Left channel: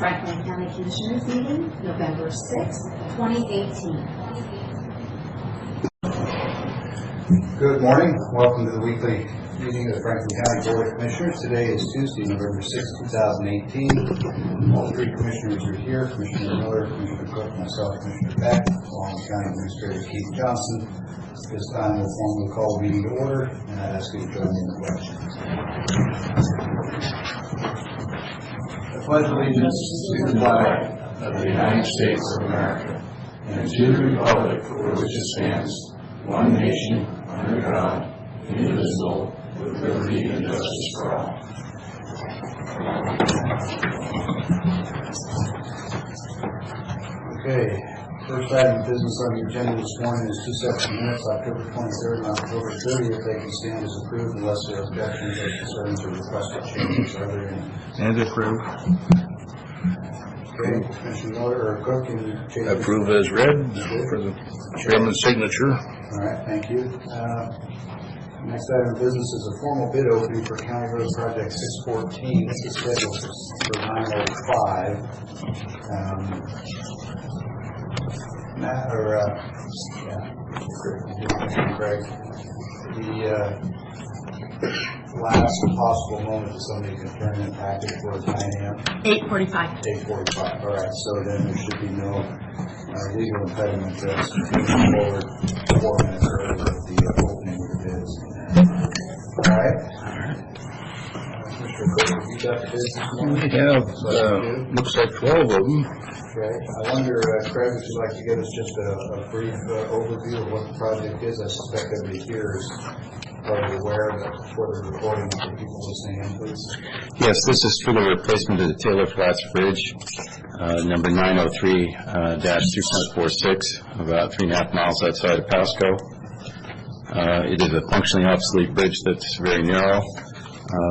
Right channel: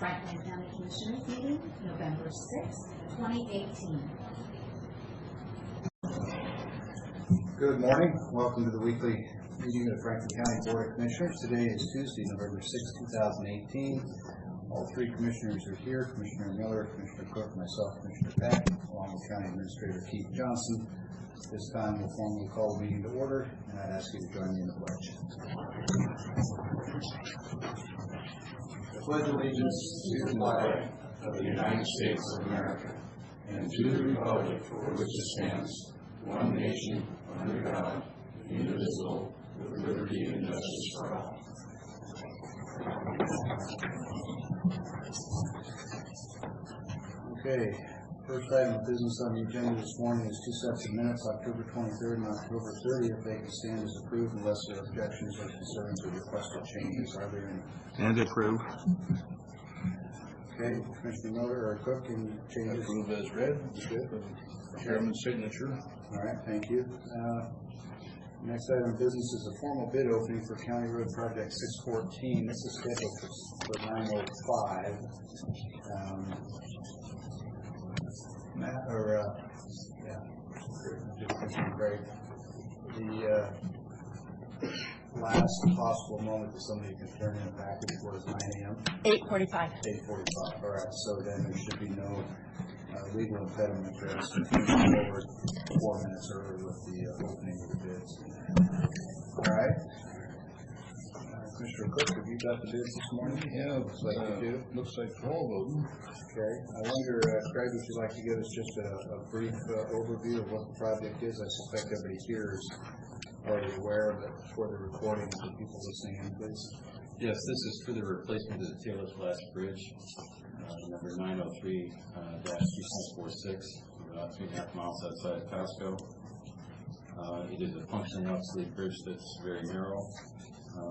Franklin County Commissioners meeting, November 6, 2018. Good morning. Welcome to the weekly meeting of the Franklin County Board of Commissioners. Today is Tuesday, November 6, 2018. All three commissioners are here. Commissioner Miller, Commissioner Cook, myself, Commissioner Beck, along with County Administrator Keith Johnson. This time we'll formally call the meeting to order, and I ask you to join me in the pledge. I pledge allegiance to the flag of the United States of America and to the republic for which it stands, one nation, under God, indivisible, with liberty and justice for all. Okay, first item of business on the agenda this morning is two sets of minutes, October 23rd and October 30th. They can stand as approved unless there are objections or concerns or requested changes. Are there any? And approve. Okay, Commissioner Miller or Cook, any changes? Approve as read for the chairman's signature. All right, thank you. Next item of business is a formal bid opening for County Road Project 614. This is scheduled for 9:05. Matt, or Craig, the last possible moment that somebody can turn in a package for 9 a.m. 8:45. 8:45. All right, so then there should be no legal impediment to us moving forward 4 minutes early with the opening of the bids. All right. Mr. Cook, have you got the bids this morning? We have, looks like 12 of them. Okay. I wonder, Craig, would you like to give us just a brief overview of what the project is? I suspect everybody here is already aware, but for the recording for people listening in, please. Yes, this is for the replacement of the Taylor Flats Bridge, number 903-3.46, about 3.5 miles outside of Pasco. It is a functionally obsolete bridge that's very narrow.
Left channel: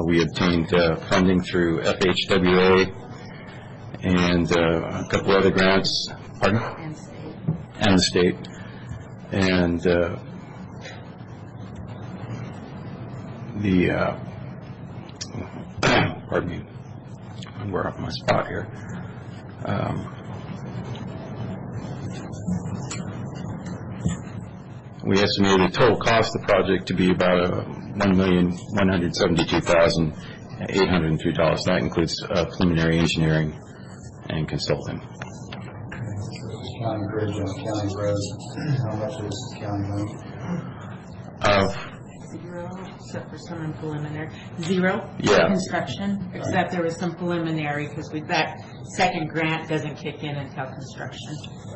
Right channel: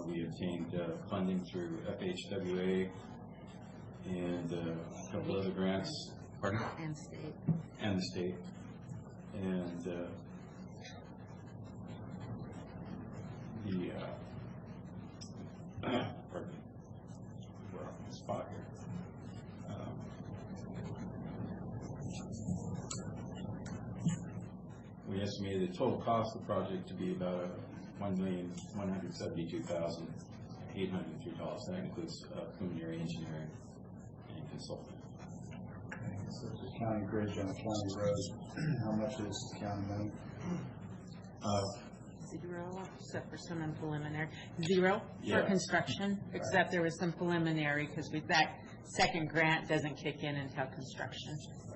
We obtained funding through FHWA and a couple other grants, pardon? And the state. And pardon me, we're off my spot here. We estimated the total cost of the project to be about $1,172,803. That includes preliminary engineering and consulting. Okay. So this is county bridge on county road. How much is county money? Zero, except for some in preliminary. Zero Yeah. for construction, except there was some preliminary because that second grant doesn't kick in until construction.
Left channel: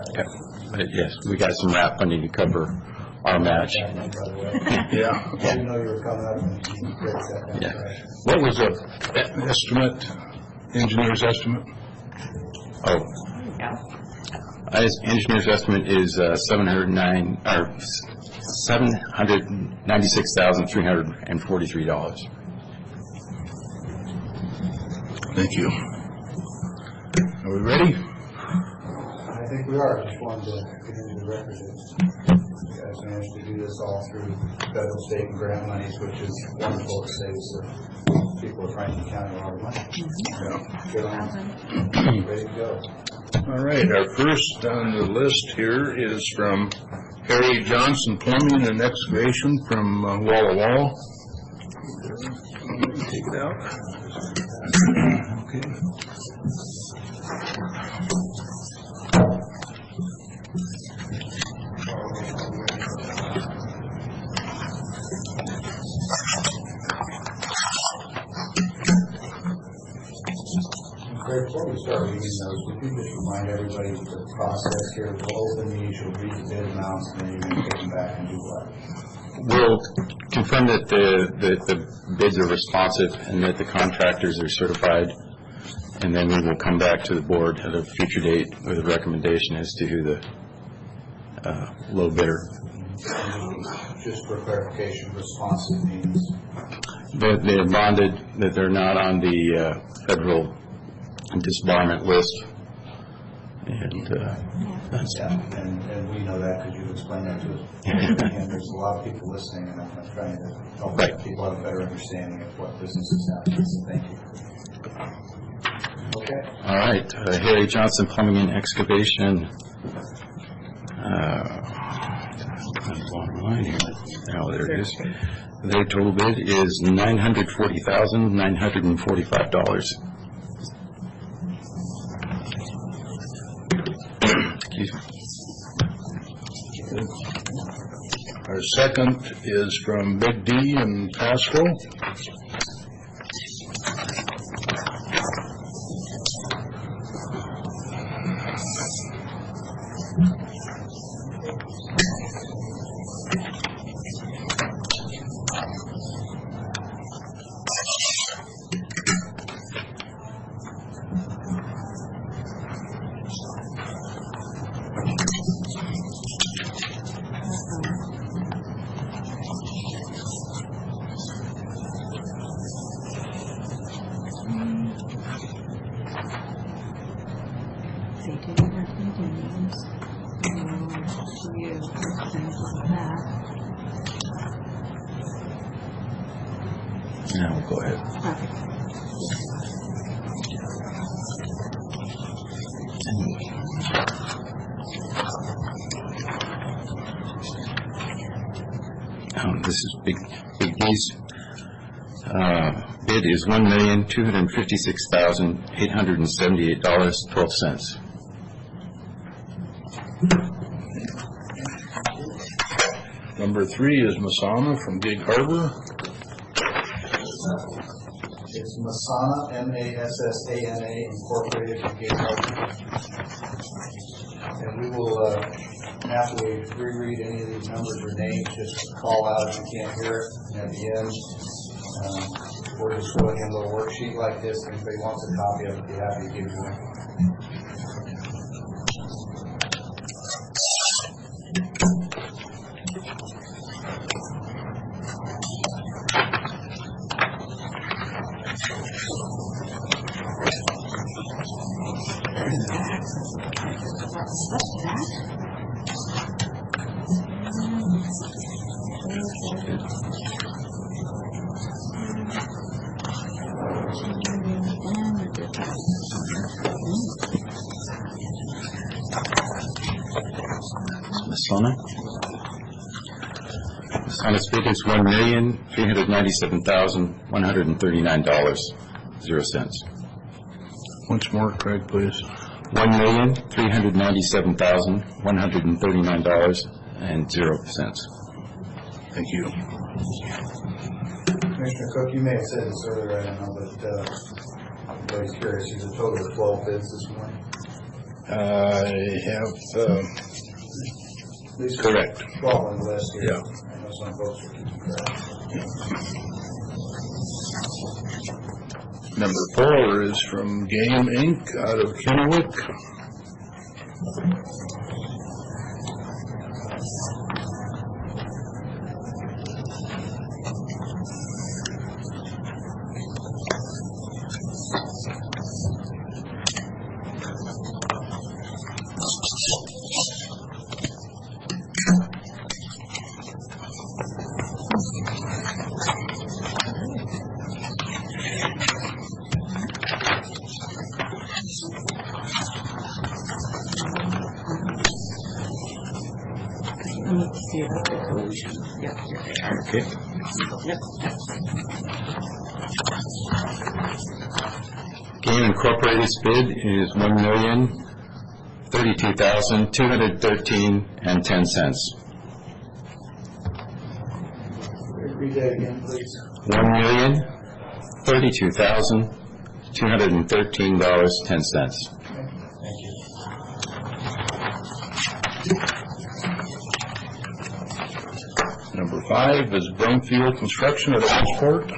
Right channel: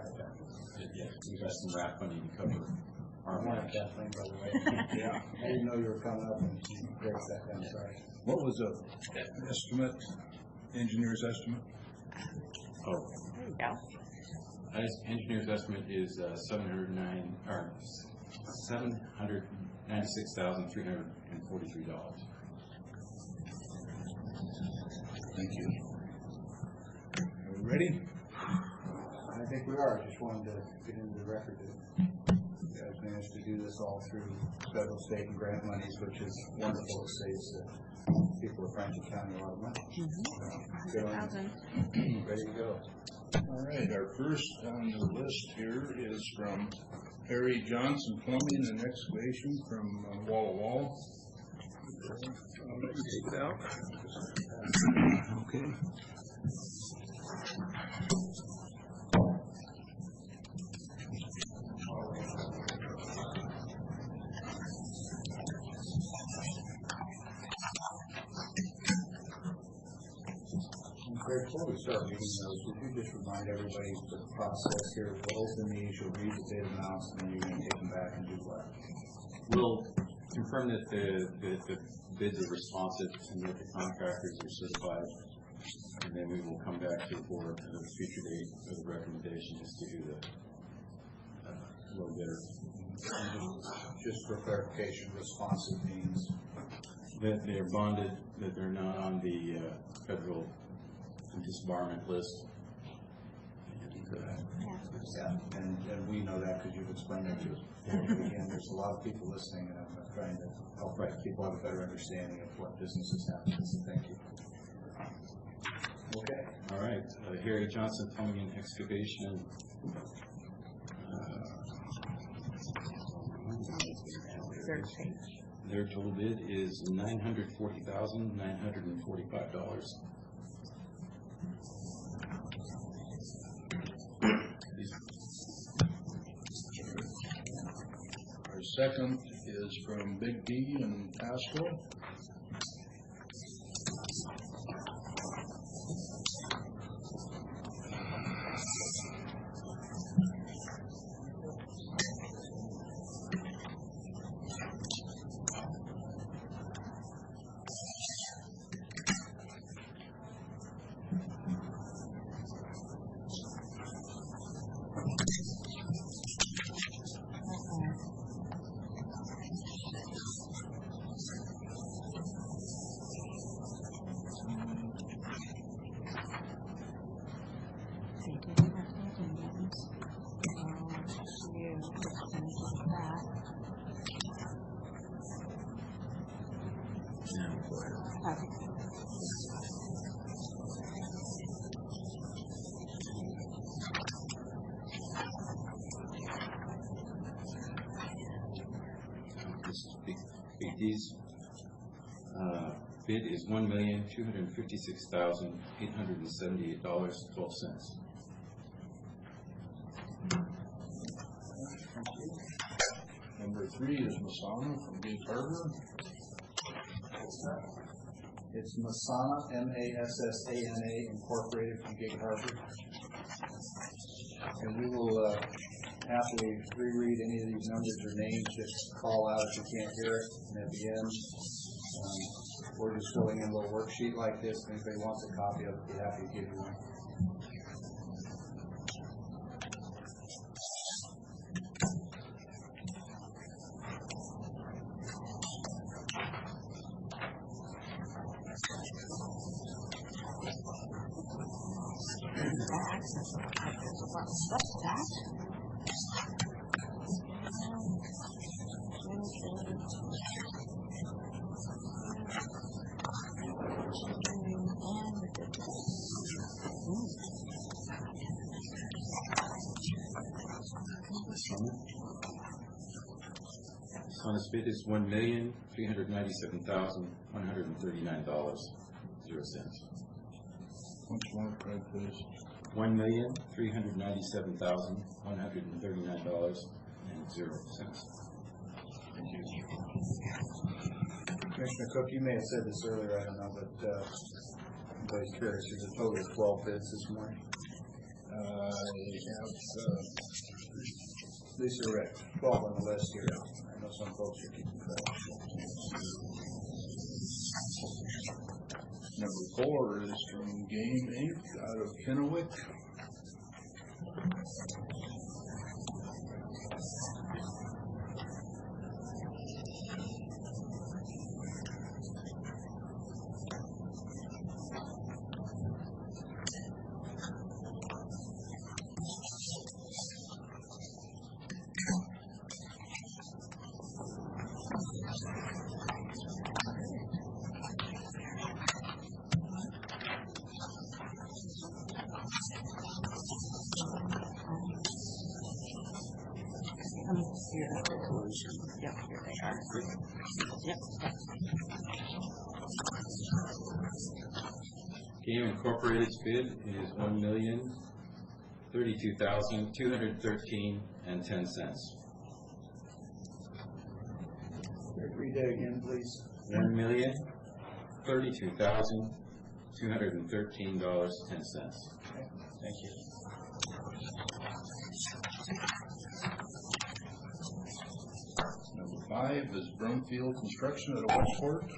Okay. But yes, we got some RAP funding to cover our match. By the way. Yeah. I didn't know you were coming up and you break that down. Yeah. Right. What was the estimate, engineer's estimate? Oh, There you go. engineer's estimate is $796,343. Thank you. Are we ready? I think we are. Just wanted to get into the record. You guys managed to do this all through federal, state, and grant monies, which is wonderful. It saves the people of Franklin County a lot of money. Get on. Ready to go. All right, our first on the list here is from Harry Johnson Plumbing and Excavation from Walla Walla. Take it out. Okay. Before we start reading those, would you just remind everybody of the process here? We'll open these, you'll read the bid amounts, and then you're going to take them back and do what? We'll confirm that the bids are responsive and that the contractors are certified, and then we will come back to the board at a future date with a recommendation as to who the low bidder. Just for clarification, responsive means? That they're bonded, that they're not on the federal disbarment list, and that's and we know that because you've explained that to us. And there's a lot of people listening, and I'm trying to help people have a better understanding of what business is happening. So thank you. Okay. All All right, Harry Johnson Plumbing and Excavation. Bottom line here. Oh, there it is. Their total bid is $940,945. Excuse me. Our second is from Big D in Pasco. They didn't have any names. You, things like that. Now we'll go ahead. Okay. This is Big D's. Bid is $1,256,878.12. Number 3 is Masana from Gig Harbor. It's Masana, M-A-S-S-A-N-A, Incorporated from Gig Harbor. And we will, after we reread any of these numbers or names, just call out if you can't hear it. And at the end, we're just filling in a little worksheet like this. If anybody wants a copy of it, be happy to give you one. What's that? Masana's bid is $1,397,139.00. Once more, Craig, please. $1,397,139.00. Thank you. Commissioner Cook, you may have said this earlier, I don't know, but everybody's curious. There's a total of 12 bids this morning. I have, At least correct. 12 on the list here. Yeah. I know some folks are keeping track. Number 4 is from Game Inc. out of Kennewick. Let me see about the collusion. Yep, here they are. Okay. Yep. Game Incorporated's bid is $1,032,213.10. Read that again, please. $1,032,213.10. Thank you. Number 5 is Brumfield Construction at Orangeport.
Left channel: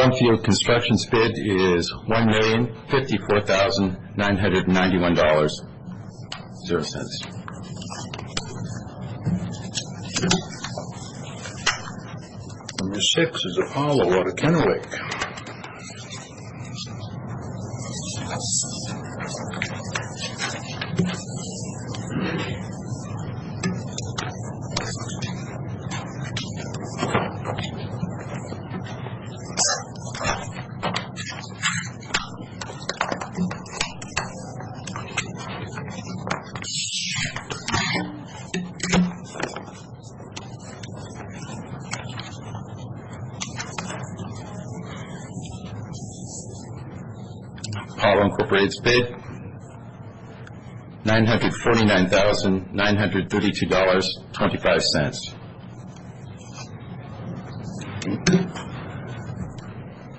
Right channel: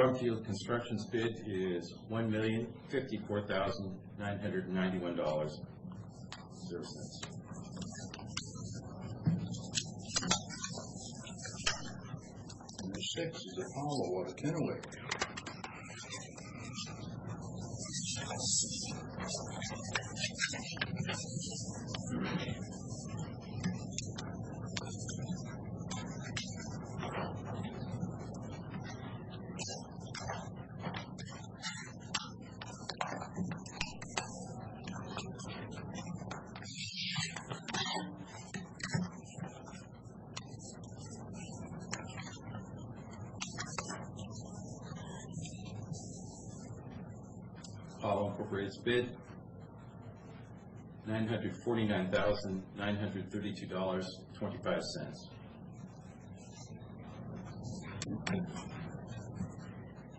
Brumfield Construction's bid is $1,054,991.00. Number 6 is Apollo out of Kennewick. Apollo Incorporated's bid, $949,932.25.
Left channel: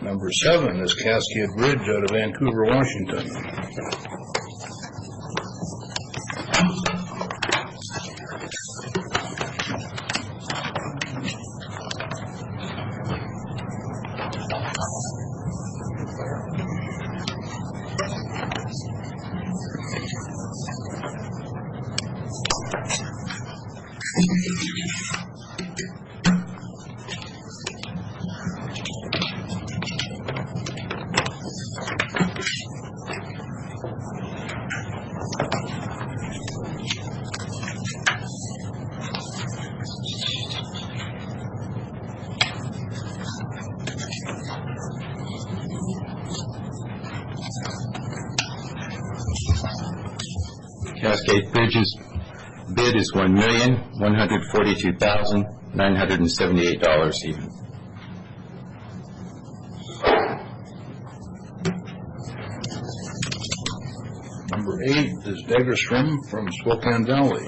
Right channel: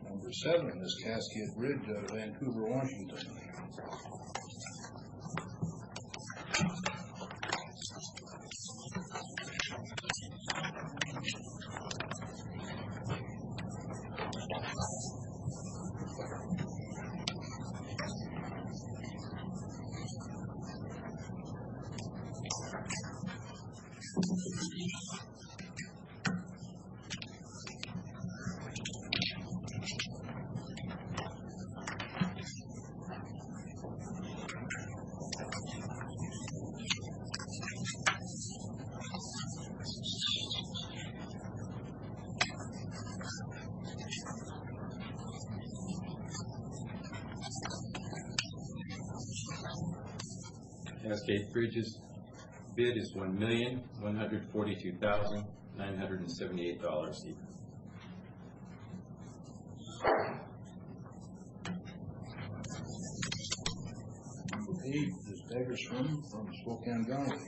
Number 7 is Cascade Bridge out of Vancouver, Washington. Cascade Bridge's bid is $1,142,978 even. Number 8 is Degerstrom from Spokane Valley.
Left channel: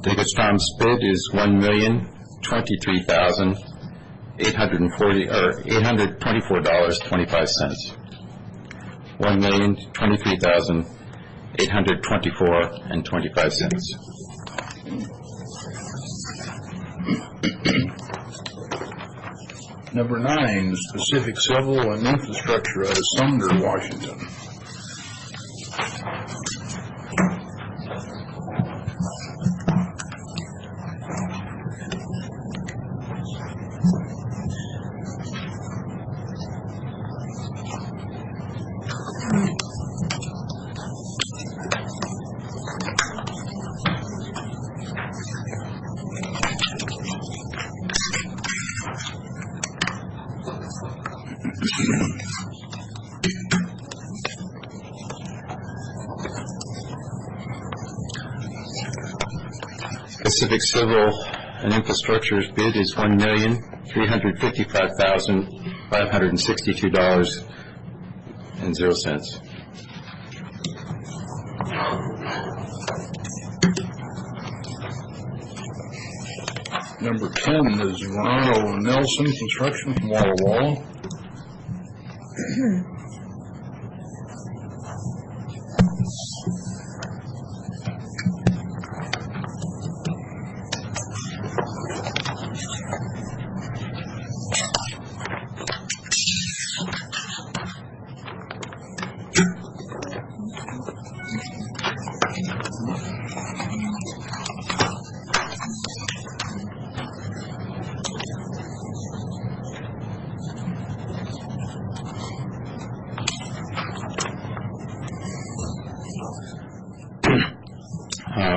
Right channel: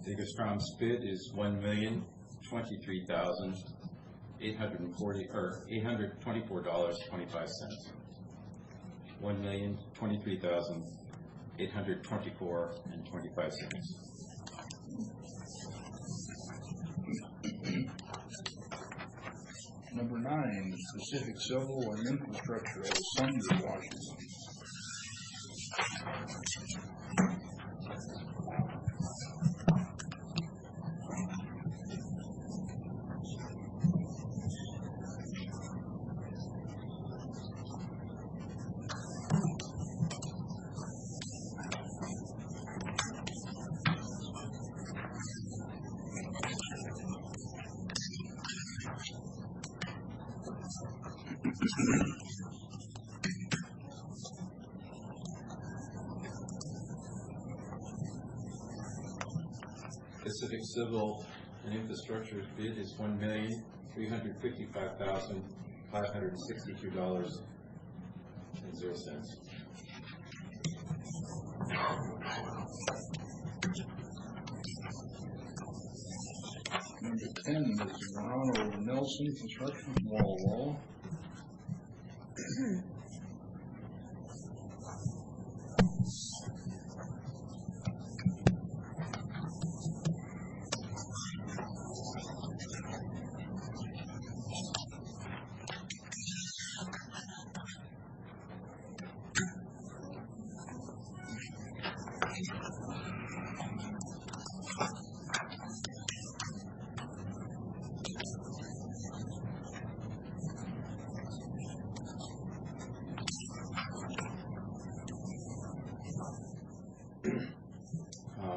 Degerstrom's bid is $824,25. $1,023,824.25. Number 9 is Pacific Civil and Infrastructure out of Sumner, Washington. Pacific Civil and Infrastructure's bid is $1,355,562.00. Number 10 is Ronald Nelson Construction from Walla Walla.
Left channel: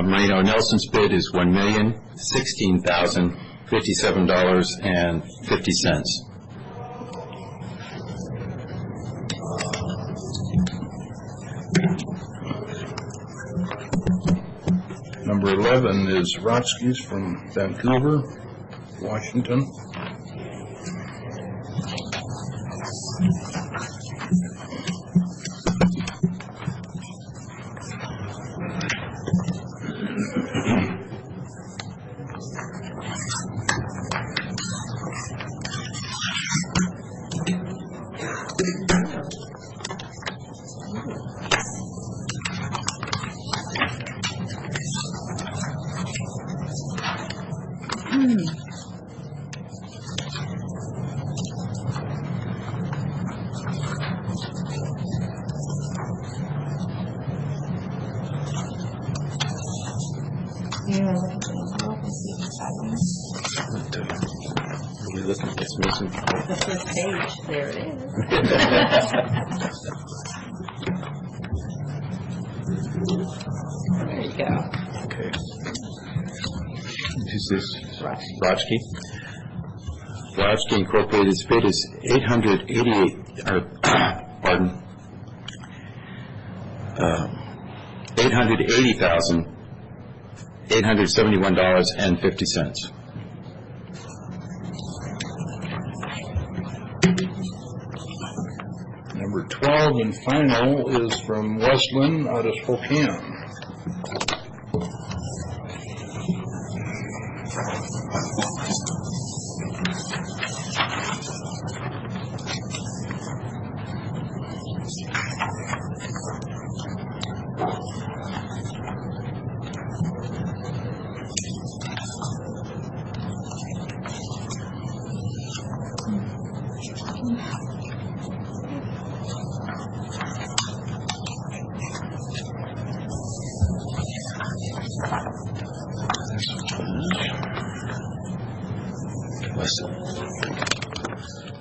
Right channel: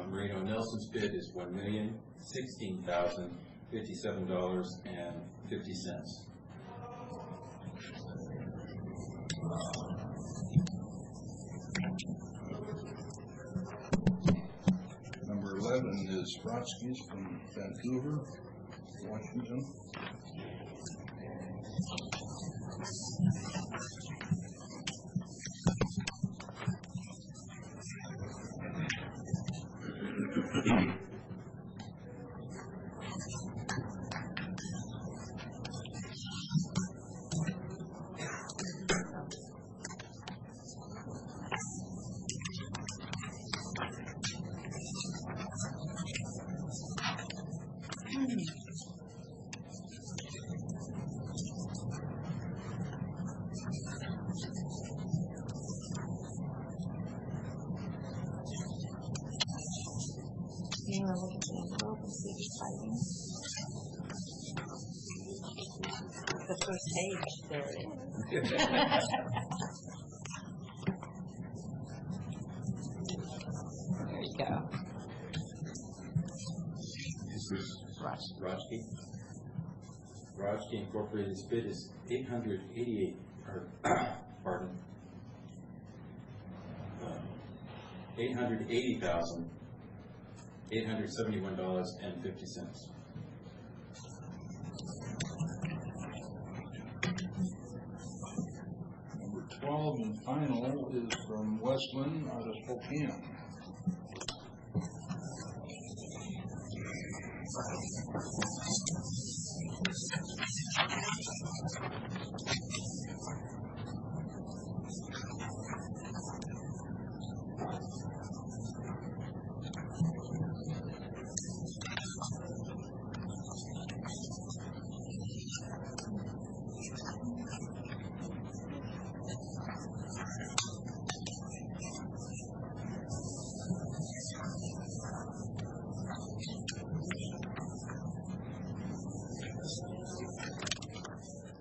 Marino Nelson's bid is $1,016,057.50. Number 11 is Rotsky's from Vancouver. Washington. Really looking at this missing. The first page, there it is. There you go. Okay. Who's this? Rochke. Rochke. Rochke Incorporated's bid is $880,871.50. Number 12 and final is from Westland out of Spokane.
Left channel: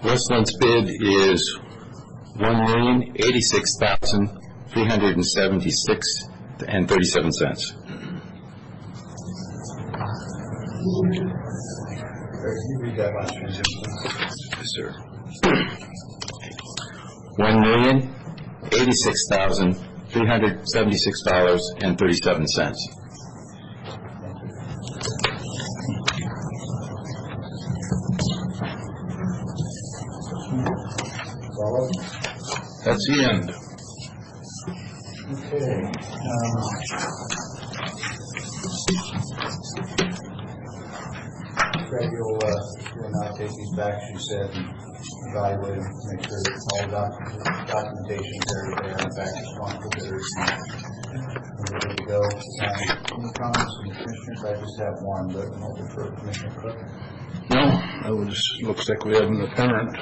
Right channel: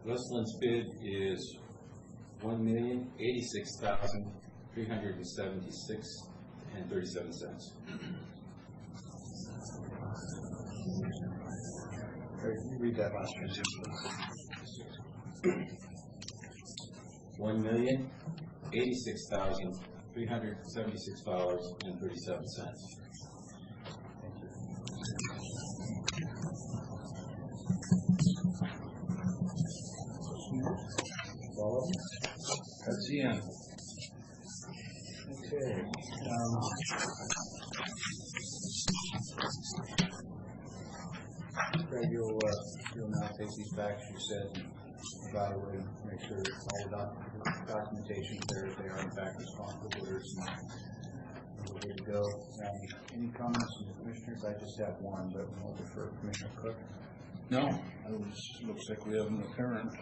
Westland's bid is $1,086,376.37. Can you read that last one, Jim? Yes, sir. $1,086,376.37. Follow? That's the end. Okay. Craig, you'll now take these back, as you said, and evaluate them, make sure that all the documentation is there, they are in fact responsible bidders, and we're ready to go. Any comments from the commissioners? I just have one, but I'm open for Commissioner Cook. No, it looks like we have an apparent,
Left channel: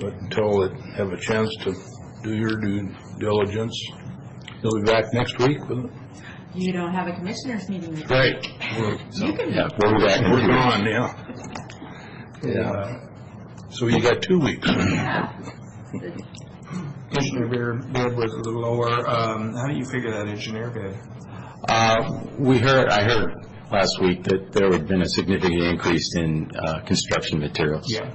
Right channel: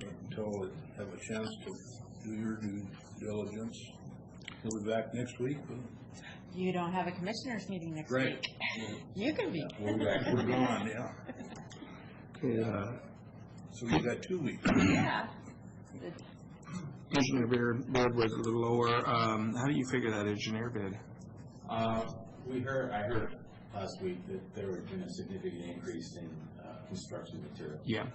but until they have a chance to do your due diligence, you'll be back next week with it? You don't have a commissioners meeting next Right. week. You can, Yeah, we'll be back. We're gone, yeah. Yeah. So you got 2 weeks. yeah. Engineer bid was a little lower. How do you figure that engineer bid? I heard last week that there had been a significant increase in construction materials. Yeah.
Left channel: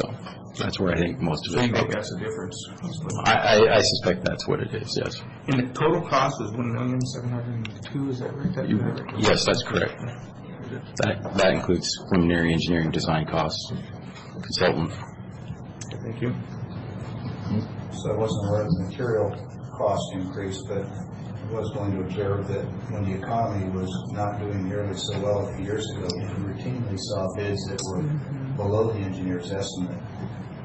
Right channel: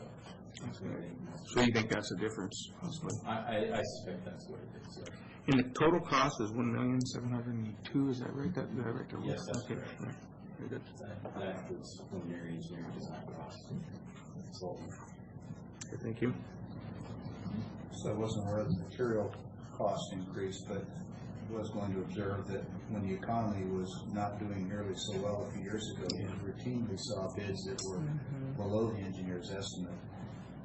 So that's where I think most of So you it. think that's the difference? I suspect that's what it is, yes. And the total cost was $1,702,000, is that right? Yes, that's correct. That includes preliminary engineering design costs, consultant. Thank you. So I wasn't aware of the material cost increase, but I was going to observe that when the economy was not doing nearly so well a few years ago, we routinely saw bids that were below the engineer's estimate.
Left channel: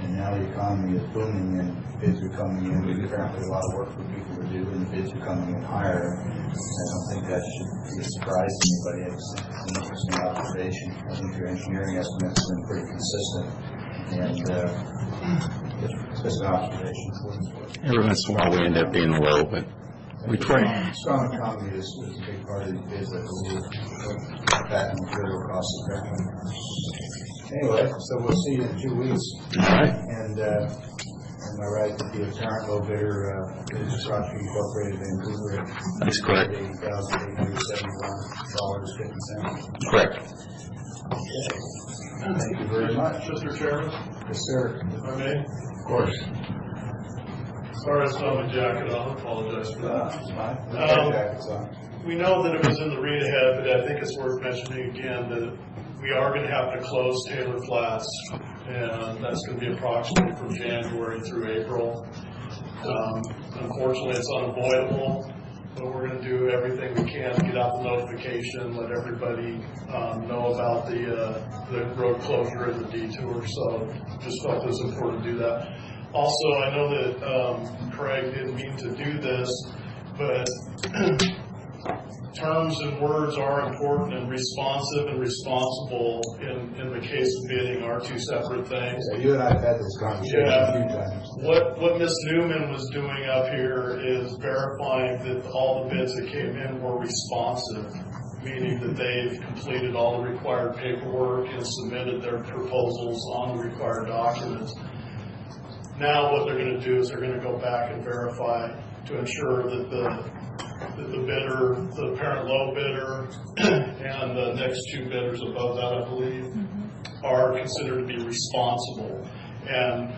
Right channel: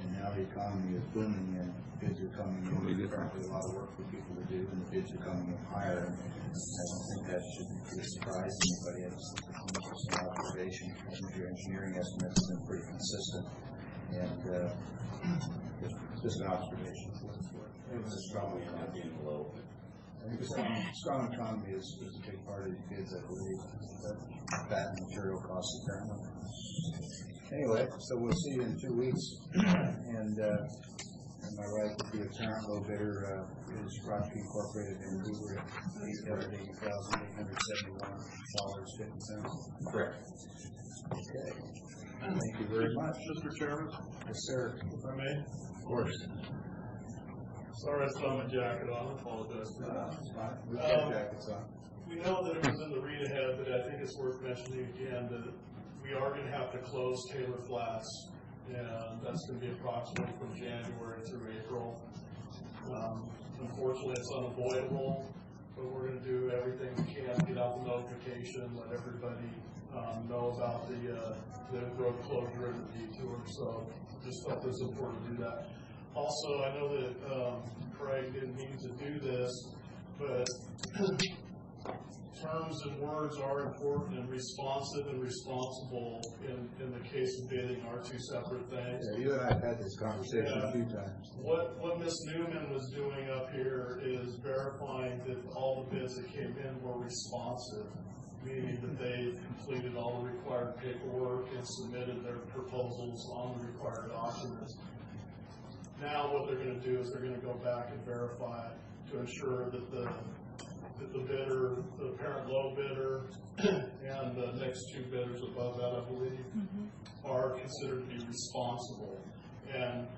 And now the economy is booming and bids are coming in. There's apparently a lot of work for people to do and the bids are coming in higher. I don't think that should be a surprise to anybody. It's an interesting observation. I think your engineering estimates have been pretty consistent. And it's just an observation. Every once in a while we end up being low, but we try. Strong economy is a big part of these bids, I believe. That and material costs apparently. Anyway, so we'll see you in 2 weeks. All right. And am I right that the apparent low bidder is Rochke Incorporated Vancouver? That's correct. $80,871.50. Correct. Thank you very much. Mr. Chairman, Yes, sir. if I may, Of course. Sorry, it's not my jacket on, I apologize for that. It's fine. We've got jackets on. We know that it was in the read ahead, but I think it's worth mentioning again that we are gonna have to close Taylor Flats, and that's gonna be approximately from January through April. Unfortunately, it's unavoidable, but we're gonna do everything we can to get out the notification, let everybody know about the road closure and the detour, so just felt it was important to do that. Also, I know that Craig didn't mean to do this, but terms and words are important, and responsive and responsible in the case of bidding are two separate things. Yeah, you and I have had this conversation a few times. What Ms. Newman was doing up here is verifying that all the bids that came in were responsive, meaning that they've completed all the required paperwork and submitted their proposals on the required documents. Now what they're going to do is they're going to go back and verify to ensure that the bidder, the parent low bidder, and the next two bidders above that, I believe, are considered to be responsible. And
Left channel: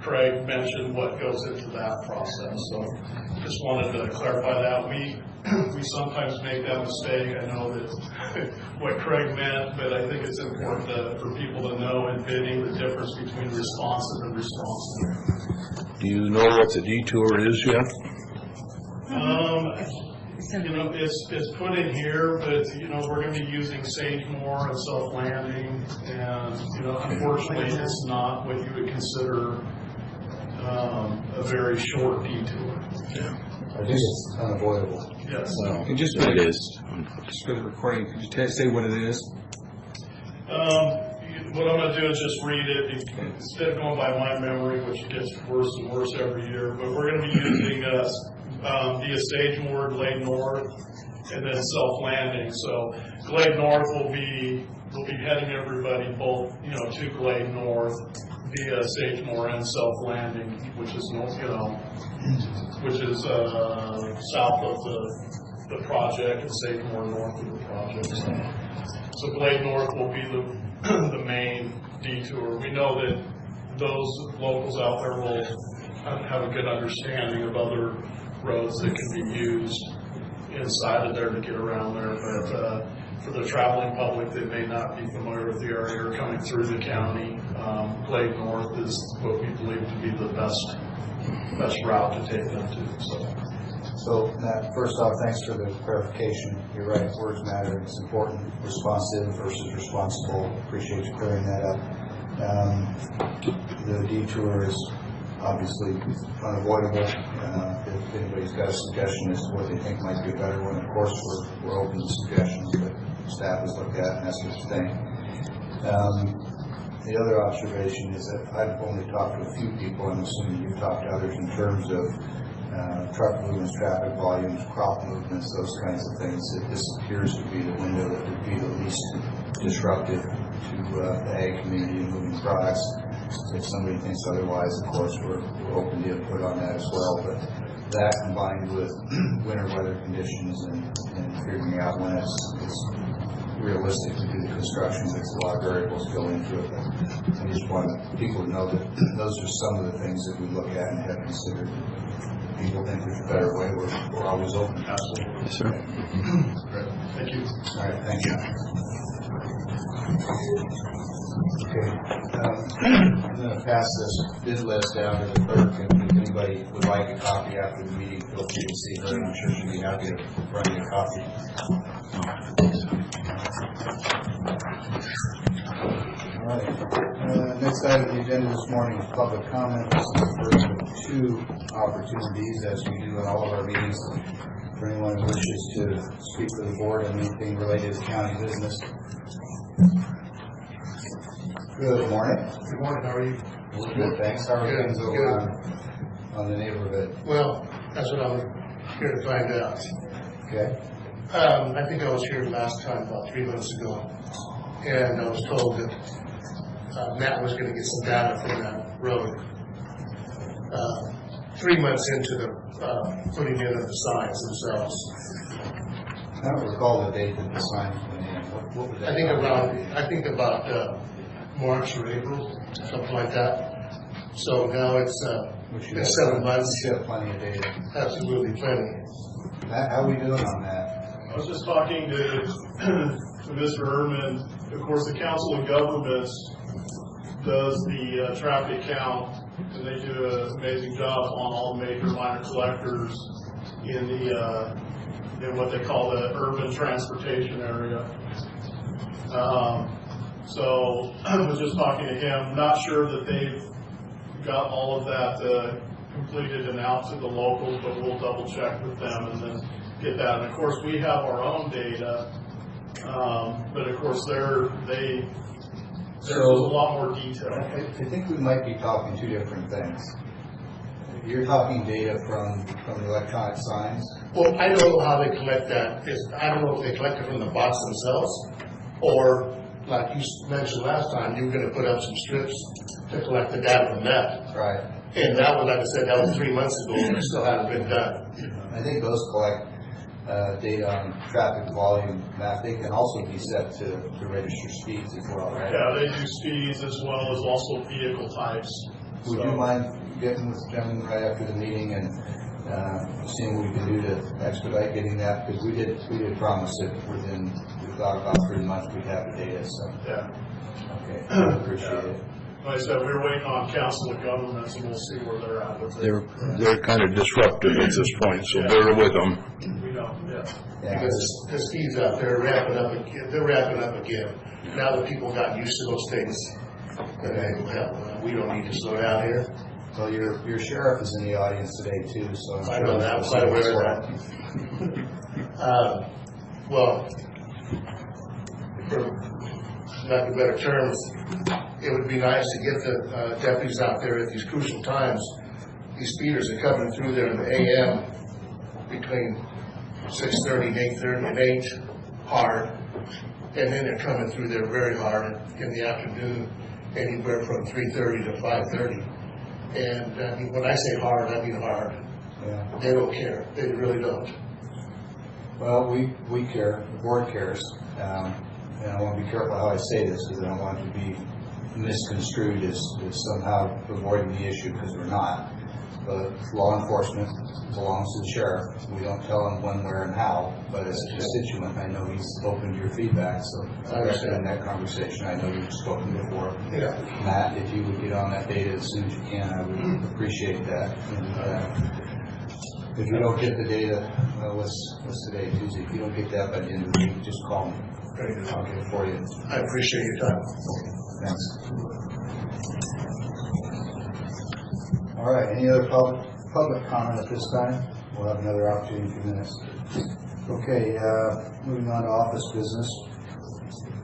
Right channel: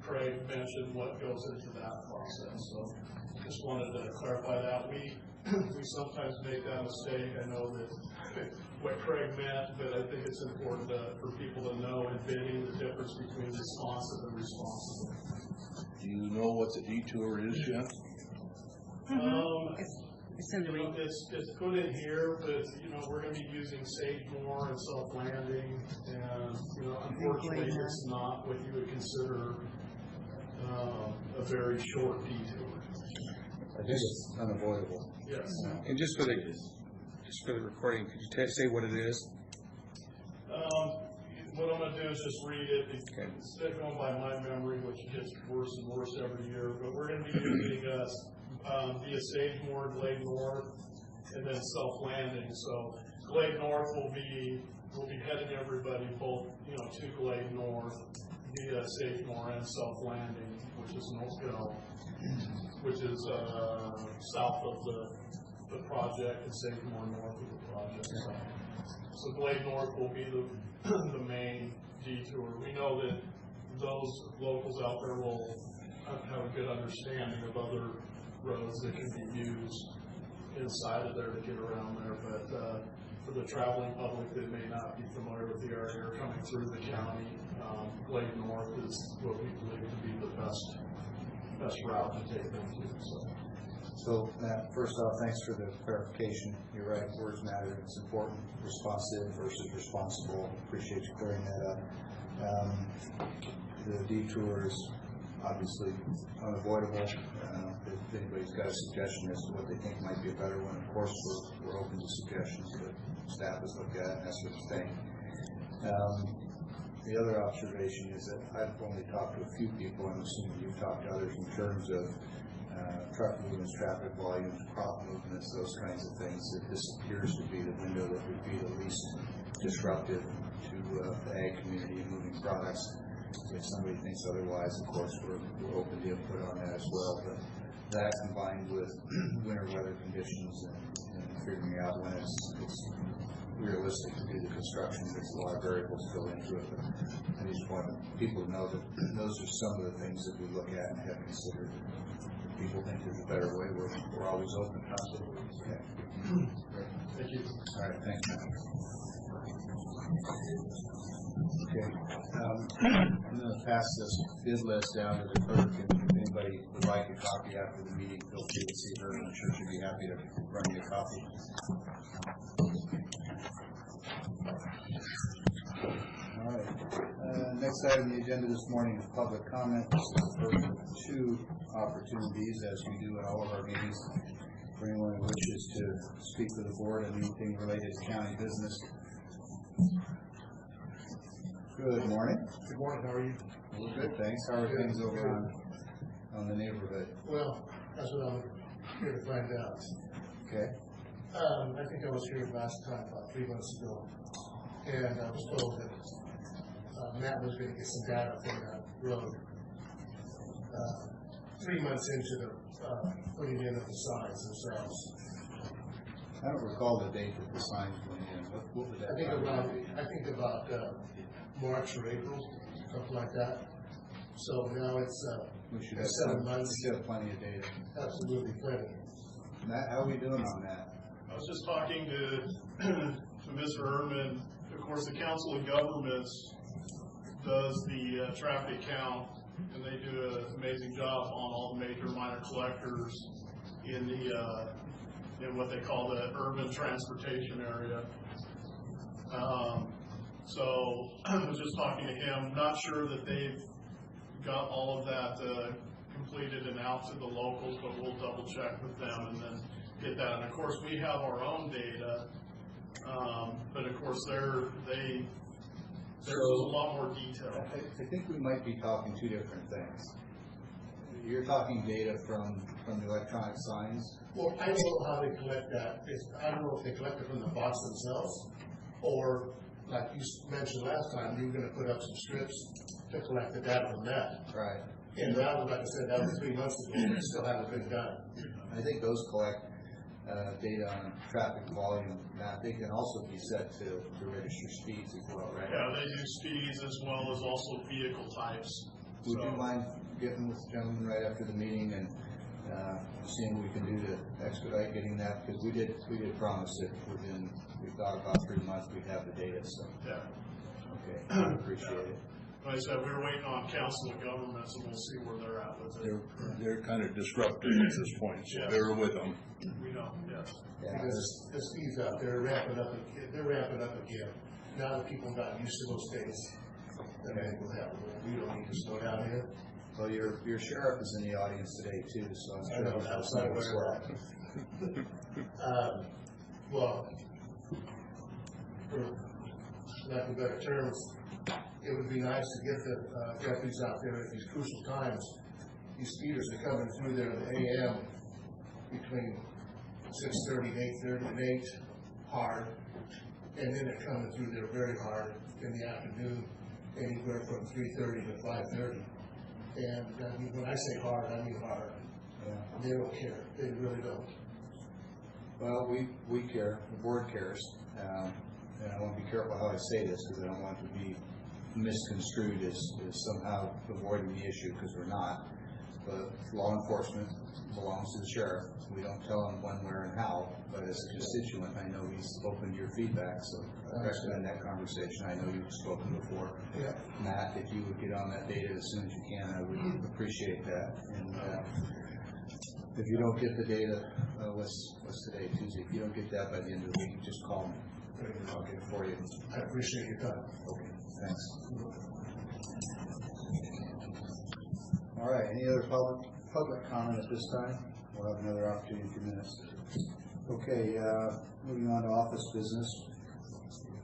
Craig mentioned what goes into that process. So just wanted to clarify that. We sometimes make that mistake. I know that what Craig meant, but I think it's important for people to know in bidding the difference between responsive and responsible. Do you know what the detour is yet? It's put in here, but we're going to be using Sagemore and Self Landing, and unfortunately, it's not what you would consider a very short detour. I think it's unavoidable. Yes. And just for the recording, could you say what it is? What I'm going to do is just read it instead of going by my memory, which gets worse and worse every year. But we're going to be using via Sagemore, Glade North, and then Self Landing. So Glade North will be heading everybody both to Glade North via Sagemore and Self Landing, which is south of the project, and Sagemore north of the project. So Glade North will be the main detour. We know that those locals out there will have a good understanding of other roads that can be used inside of there to get around there, but for the traveling public that may not be familiar with the area or coming through the county, Glade North is what we believe to be the best route to take them to. So, Matt, first off, thanks for the clarification. You're right, words matter. It's important. Responsive versus responsible. Appreciate you clearing that up. The detour is obviously unavoidable. If anybody's got a suggestion as to what they think might be a better one, of course, we're open to suggestions that staff has looked at and that sort of thing. The other observation is that I've only talked to a few people. I'm assuming you've talked to others in terms of truck movements, traffic volumes, crop movements, those kinds of things. That this appears to be the window that would be the least disruptive to the ag community and moving products. If somebody thinks otherwise, of course, we're open to input on that as well. But that combined with winter weather conditions and figuring out when it's realistic to do the construction, there's a lot of variables go into it. But I just want people to know that those are some of the things that we look at and have considered. People think there's a better way, we're always open. Absolutely. Yes, sir. Great. Thank you. All right, thank you. Okay, I'm going to pass this bid list down to the clerk, and if anybody would like a copy after the meeting, feel free to see her, and I'm sure she'll be happy to run you a copy. All right, next item on the agenda this morning is public comment. This is the first of two opportunities, as we do in all of our meetings, for anyone who wishes to speak to the board on anything related to county business. Good morning. Good morning, how are you? We're good, thanks. How are Good, things over on the neighborhood? Well, that's what I'm here to find out. Okay. I think I was here last time, about 3 months ago, and I was told that Matt was going to get some data for that road 3 months into the putting in of the signs themselves. I don't recall the date that the signs went in. What was that? I think about March or April, something like that. So now it's We should in have 7 months. We should have plenty of data. Absolutely plenty. Matt, how are we doing on that? I was just talking to Mr. Erdman. Of course, the Council of Governments does the traffic count, and they do an amazing job on all the major minor collectors in the in what they call the urban transportation area. So I was just talking to him, not sure that they've got all of that completed and out to the locals, but we'll double check with them and then get that. And of course, we have our own data, but of course, there's a lot more detail. I think we might be talking two different things. You're talking data from the electronic signs. Well, I don't know how they collect that. I don't know if they collect it from the box themselves, or like you mentioned last time, you were gonna put up some strips to collect the data from that. Right. And that was, like I said, that was 3 months ago, and it still hasn't been done. I think those collect data on traffic volume. Matt, they can also be set to register speeds as well, right? Yeah, they do speeds as well as also vehicle types. Would you mind getting with the gentleman right after the meeting and seeing what we can do to expedite getting that? Because we did promise that we thought about 3 months we'd have the data, so. Yeah. Okay, I appreciate it. Like I said, we're waiting on Council of Governments, and we'll see where they're at with it. They're kind of disruptive at this point, so bear with them. We know, yeah. Yeah, Because the speeds out there are ramping up again. They're ramping up again. Now that people got used to those things, and we don't need to slow down here. well, your sheriff is in the audience today too, so I'm I sure know that, I'm he'll quite say what's aware of that. Well, for lack of better terms, it would be nice to get the deputies out there at these crucial times. These speeders are coming through there in the AM between 6:30 and 8:30 and 8 hard, and then they're coming through there very hard in the afternoon, anywhere from 3:30 to 5:30. And I mean, when I say hard, I mean hard. Yeah. They don't care. They really don't. Well, we care, the board cares, and I want to be careful how I say this, because I don't want it to be misconstrued as somehow avoiding the issue, because we're not. But law enforcement belongs to the sheriff. We don't tell him when, where, and how, but as a constituent, I know he's open to your feedback, so I recommend that conversation. I know you've spoken before. Yeah. Matt, if you would get on that data as soon as you can, I would appreciate that. And if you don't get the data, what's today, Tuesday? If you don't get that by the end of the week, just call me. I'll get it for you. I appreciate your time. Thanks. All right, any other public comment at this time? We'll have another opportunity in a few minutes. Okay, moving on to office business.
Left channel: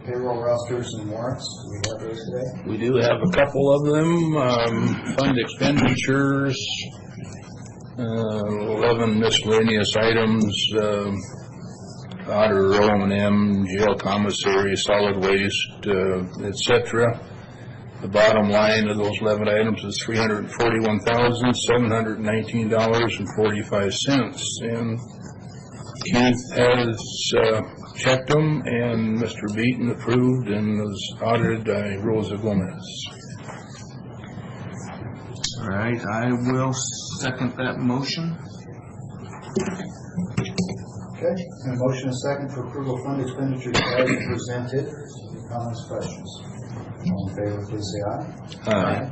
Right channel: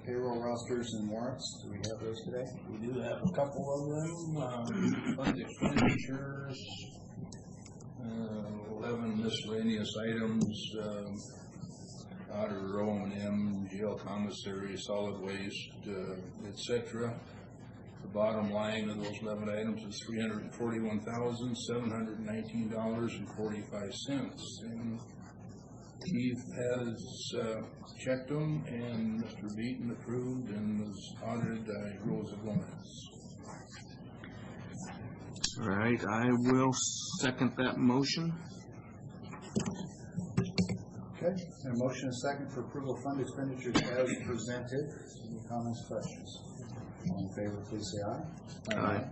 Payroll rosters and warrants, do we have those today? We do have a couple of them, fund expenditures, 11 miscellaneous items, auditor, O&M, jail commissary, solid waste, etc. The bottom line of those 11 items is $341,719.45. And Keith has checked them, and Mr. Beaton approved and was audited by Rosa Gomez. All right, I will second that motion. Okay, and a motion and a second for approval of fund expenditures as presented. Any comments, questions? All in favor, please say aye. Aye.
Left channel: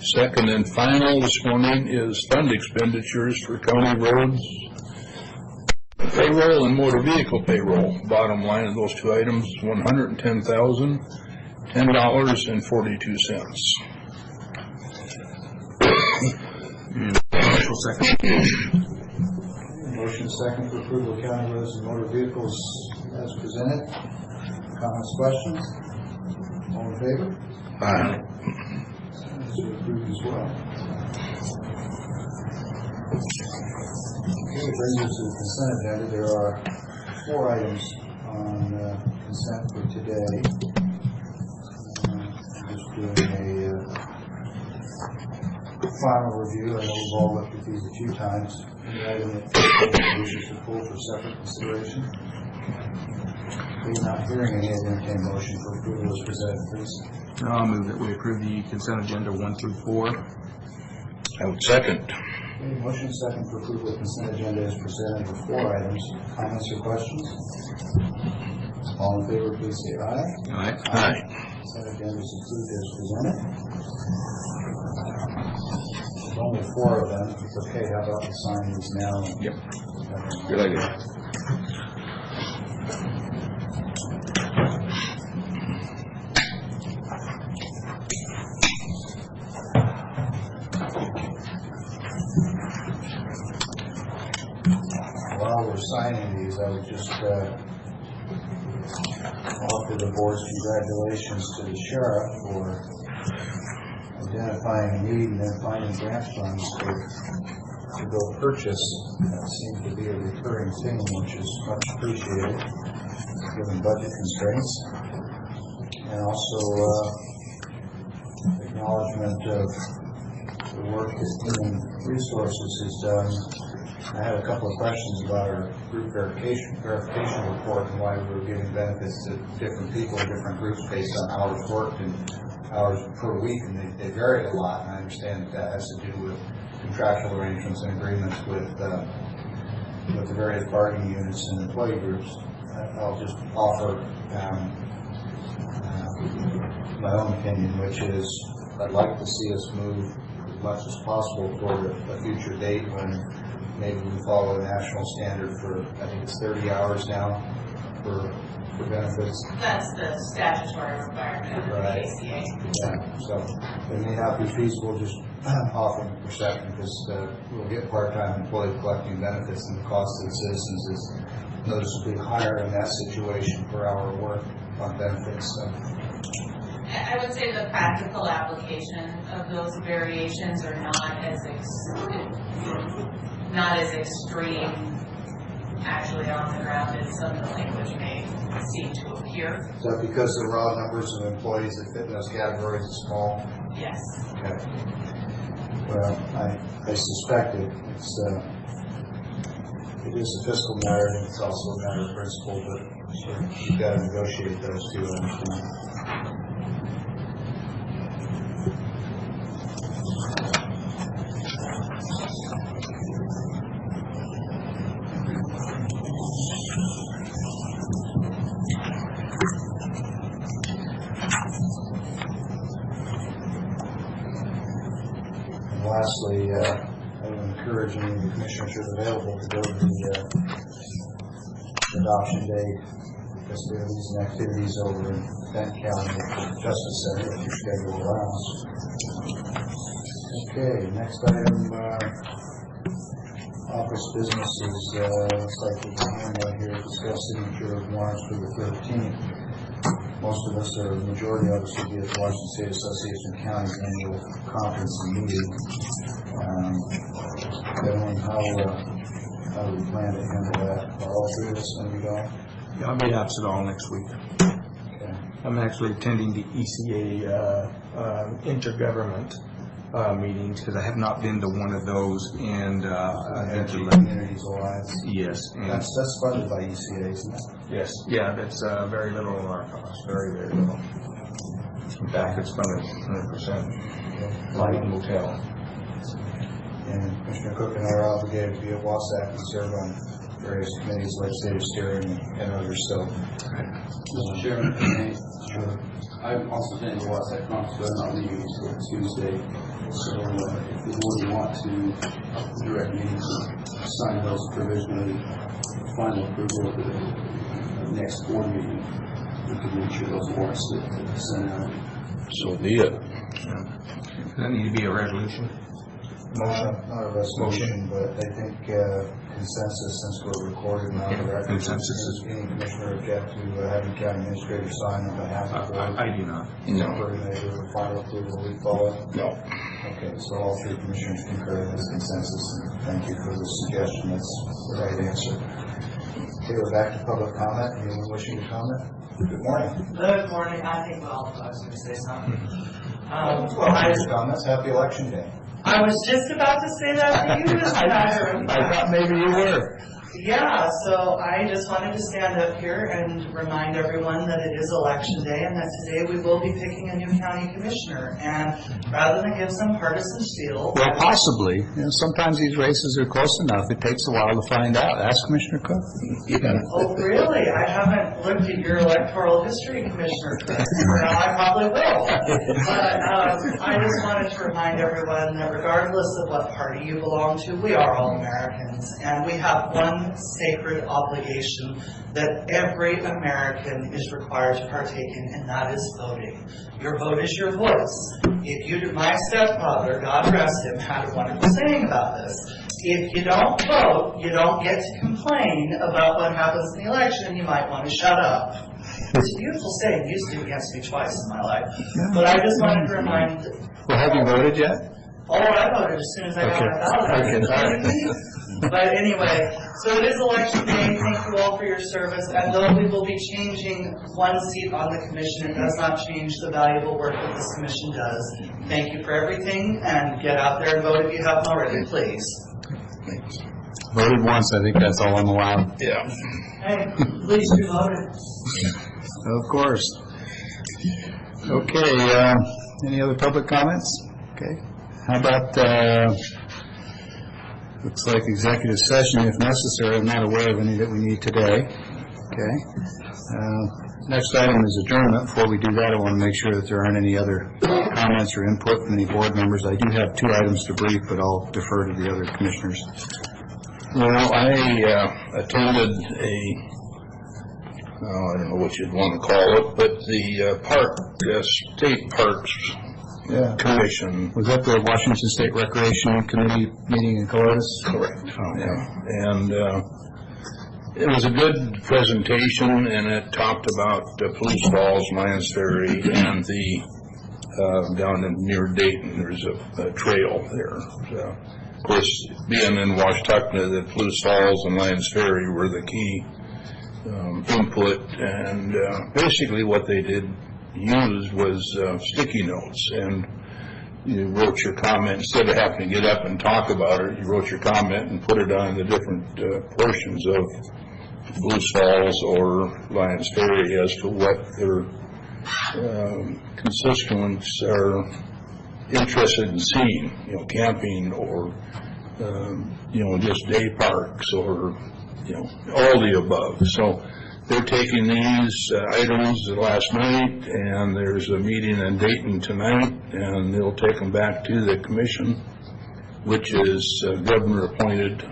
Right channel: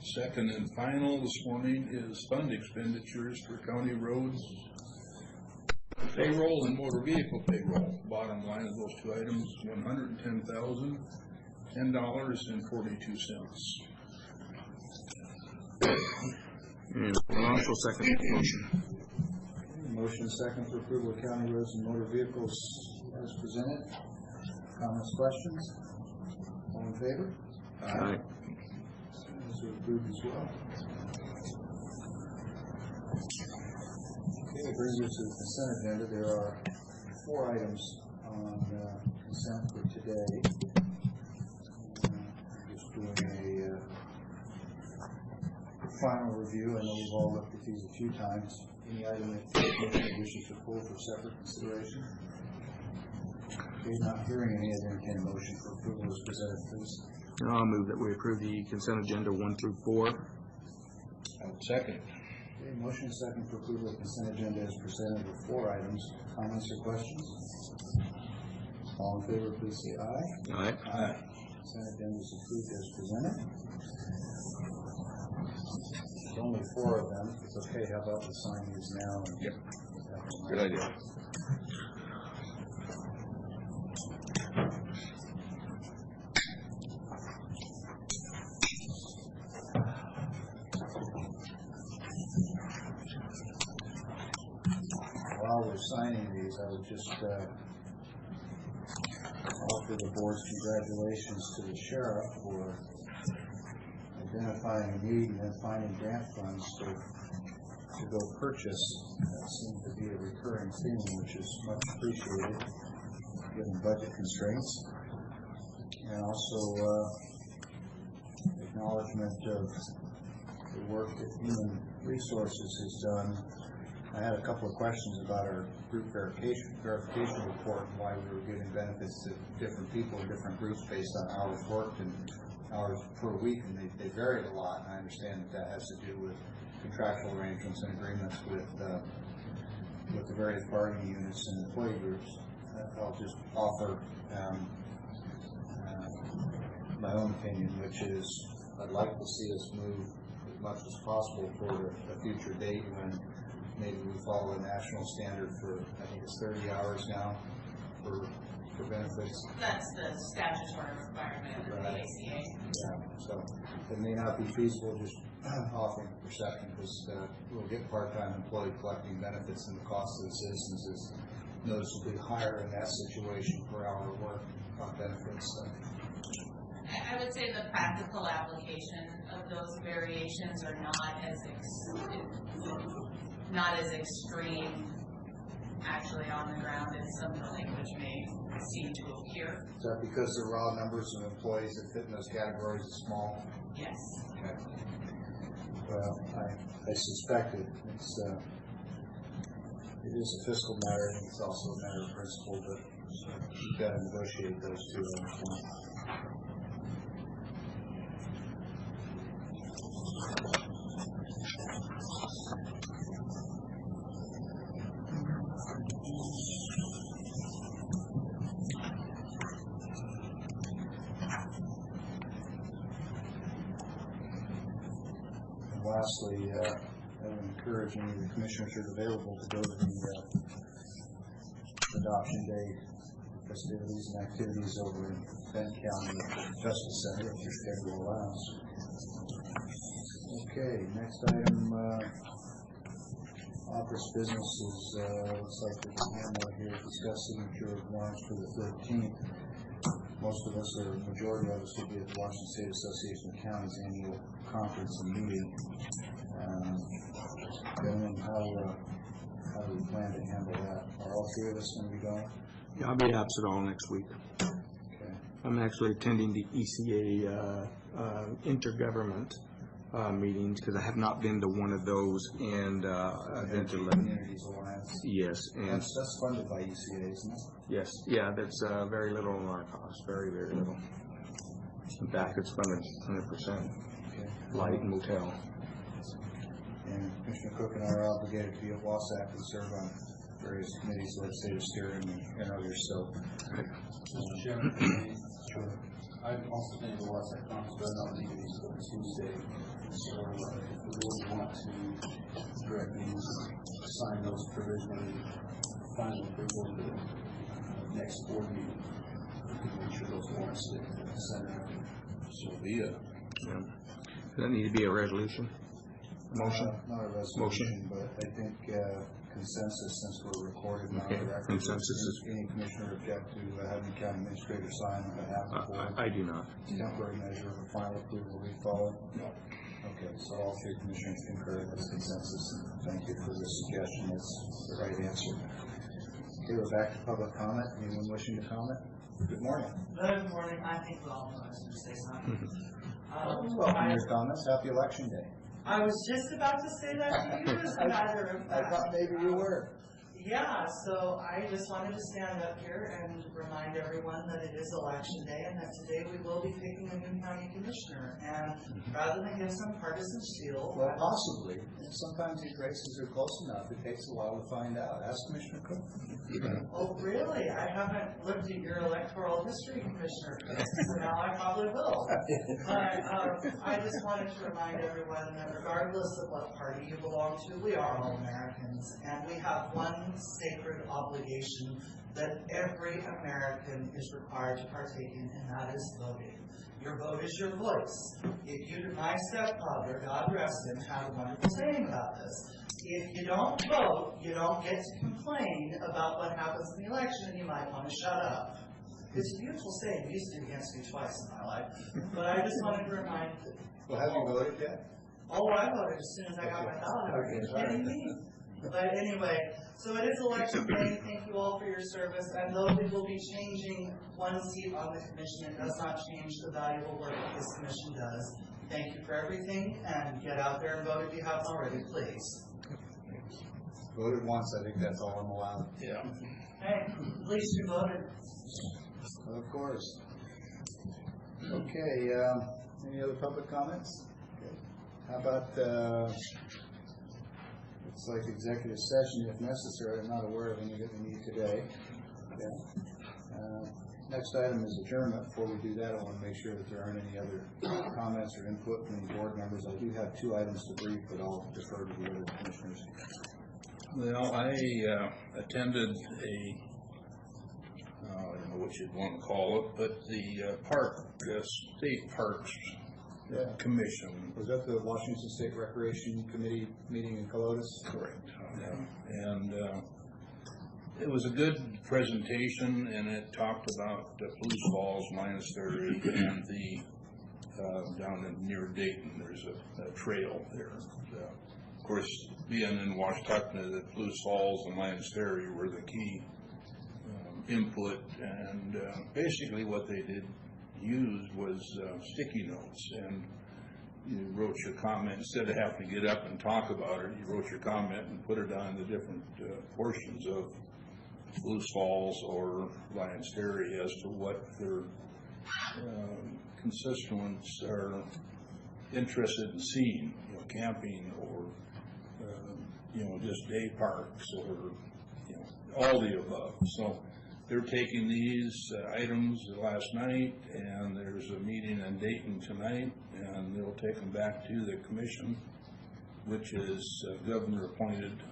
Second and final this morning is fund expenditures for county roads payroll and motor vehicle payroll. Bottom line of those two items is $110,010.42. Marshall second the motion. Motion second for approval of county roads and motor vehicles as presented. Comments, questions? All in favor? Aye. Those are approved as well. Okay, it brings us to the consent agenda. There are 4 items on consent for today. I'm just doing a final review. I know we've all looked at these a few times. The item that wishes to pull for separate consideration. Being not hearing any, I entertain a motion for approval as presented, please. I'll move that we approve the consent agenda 1 through 4. I I would second. Okay, motion second for approval of consent agenda as presented with 4 items. Comments or questions? All in favor, please say aye. Aye. Aye. Consent agenda is approved as presented. There's only 4 of them. It's okay. How about we sign these now? Yep. Good idea. While we're signing these, I would just offer the board's congratulations to the sheriff for identifying a need and then finding grant funds to go purchase. That seems to be a recurring theme, which is much appreciated, given budget constraints. And also acknowledgement of the work that Human Resources has done. I had a couple of questions about our group verification report and why we were giving benefits to different people in different groups based on hours worked and hours per week, and they varied a lot. And I understand that has to do with contractual arrangements and agreements with the various bargaining units and employee groups. I'll just offer my own opinion, which is I'd like to see us move as much as possible toward a future date when maybe we follow a national standard for, I think it's 30 hours now for benefits. That's the statutory requirement of the Right. ACA. Yeah, so it may not be feasible just offering a perception because we'll get part-time employees collecting benefits and the cost to the citizens is noticeably higher in that situation per hour work on benefits. So. I would say the practical application of those variations are not as extreme actually on the ground as some of the language may seem to appear. Is that because the raw numbers of employees that fit in those categories is small? Yes. Okay. Well, I suspect it is a fiscal matter and it's also a matter of principle, but you've got to negotiate those two, I understand. Lastly, I would encourage any of the commissioners who are available to go to the adoption day festivities and activities over in Bent County at the Justice Center if your schedule allows. Okay, next item, office businesses. Looks like we have one here, discuss signature of warrants for the 13th. Most of us, or the majority of us, will be at the Washington State Association of Counties annual conference and meeting. Gentlemen, how do we plan to handle that? Are all 3 of us going to be going? Yeah, I'll be absent all next week. Okay. I'm actually attending the ECA intergovernment meetings because I have not been to one of those, and Energy Communities Alliance. yes, and That's funded by ECA, isn't it? yes, yeah, that's very little on our cost, very, very little. In fact, it's funded 100%. Light and motel. And Commissioner Cook and I are obligated to be at WASAC and serve on various committees, legislative steering, and others. So, Mr. Chairman, sure. I'm also attending the WASAC conference, but I'm not leaving until Tuesday. So if the board want to direct me to sign those provisionally, final approval of the next board meeting, we can make sure those warrants get sent out. So be it. Does that need to be a resolution? Motion? not a resolution, but I think consensus, since we're recorded now, the record. Consensus is- Any commissioner object to having county administrator sign on behalf of the board? I do not. No. Temporary measure of final approval, we follow? No. Okay, so all 3 commissioners concur with this consensus, and thank you for the suggestion, that's the right answer. Okay, we're back to public comment. Anyone wishing to comment? Good morning. Good morning. I think well, I was going to say something. Your comments, happy election day. I was just about to say that to you, Mr. Nyder. I thought maybe you were. Yeah, so I just wanted to stand up here and remind everyone that it is election day and that today we will be picking a new county commissioner. And rather than give some partisan spiel. Well, possibly. You know, sometimes these races are close enough. It takes a while to find out. Ask Commissioner Cook. Oh, really? I haven't looked at your electoral history, Commissioner Cook. Well, I probably will. But I just wanted to remind everyone that regardless of what party you belong to, we are all Americans. And we have one sacred obligation that every American is required to partake in, and that is voting. Your vote is your voice. If you, my stepfather, God rest him, had a wonderful saying about this. If you don't vote, you don't get to complain about what happens in the election, and you might want to shut up. It's a beautiful saying, used to against me twice in my life. But I just wanted to remind. Well, have you voted yet? Oh, I voted as soon as I got my ballot. But anyway, so it is election day. Thank you all for your service. And though we will be changing one seat on the commission, it does not change the valuable work that this commission does. Thank you for everything, and get out there and vote if you haven't already, please. Voted once. I think that's all I'm allowed. Yeah. Hey, at least you voted. Of course. Okay, any other public comments? Okay. How about, looks like executive session if necessary. I'm not aware of any that we need today. Okay. Next item is adjournment. Before we do that, I want to make sure that there aren't any other comments or input from any board members. I do have 2 items to brief, but I'll defer to the other commissioners. Well, I attended I don't know what you'd want to call it, but the State Parks Commission. Was that the Washington State Recreation Committee meeting in Columbus? Correct. Oh, yeah. And it was a good presentation, and it talked about Palouse Falls, Lions Ferry, and the down near Dayton, there's a trail there. So, of course, being in Washtuckna, the Palouse Falls and Lions Ferry were the key input, and basically what they did use was sticky notes, and you wrote your comment. Instead of having to get up and talk about it, you wrote your comment and put it on the different portions of Palouse Falls or Lions Ferry as to what their constituents are interested in seeing, camping or, just day parks or, all the above. So they're taking these items last night, and there's a meeting in Dayton tonight, and they'll take them back to the commission, which is governor-appointed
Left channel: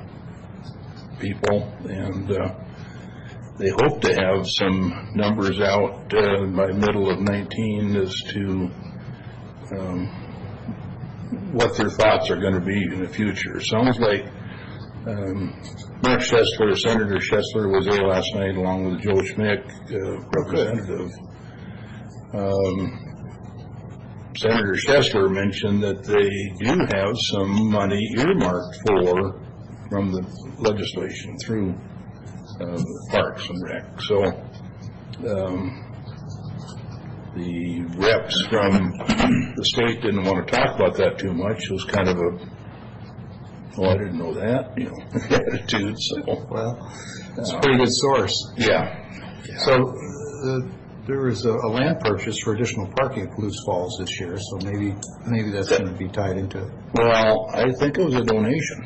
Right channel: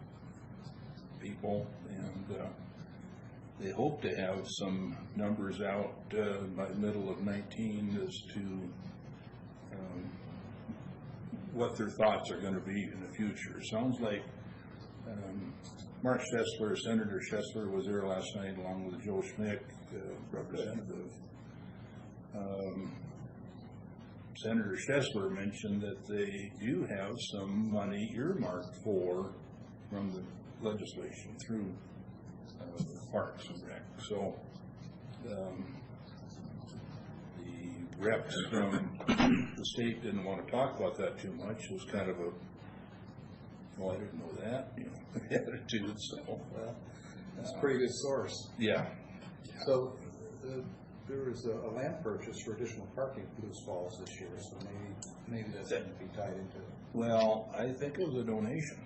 people, and they hope to have some numbers out by middle of 19 as to what their thoughts are going to be in the future. Sounds like Mark Schessler, Senator Schessler, was there last night along with Joe Schmick, representative. Senator Schessler mentioned that they do have some money earmarked from the legislation through Parks and Rec. So the reps from the state didn't want to talk about that too much. It was kind of a, I didn't know that, attitude. So, well, it's a pretty good source. Yeah. So there was a land purchase for additional parking at Palouse Falls this year, so maybe that's going to be tied into it. Well, I think it was a donation.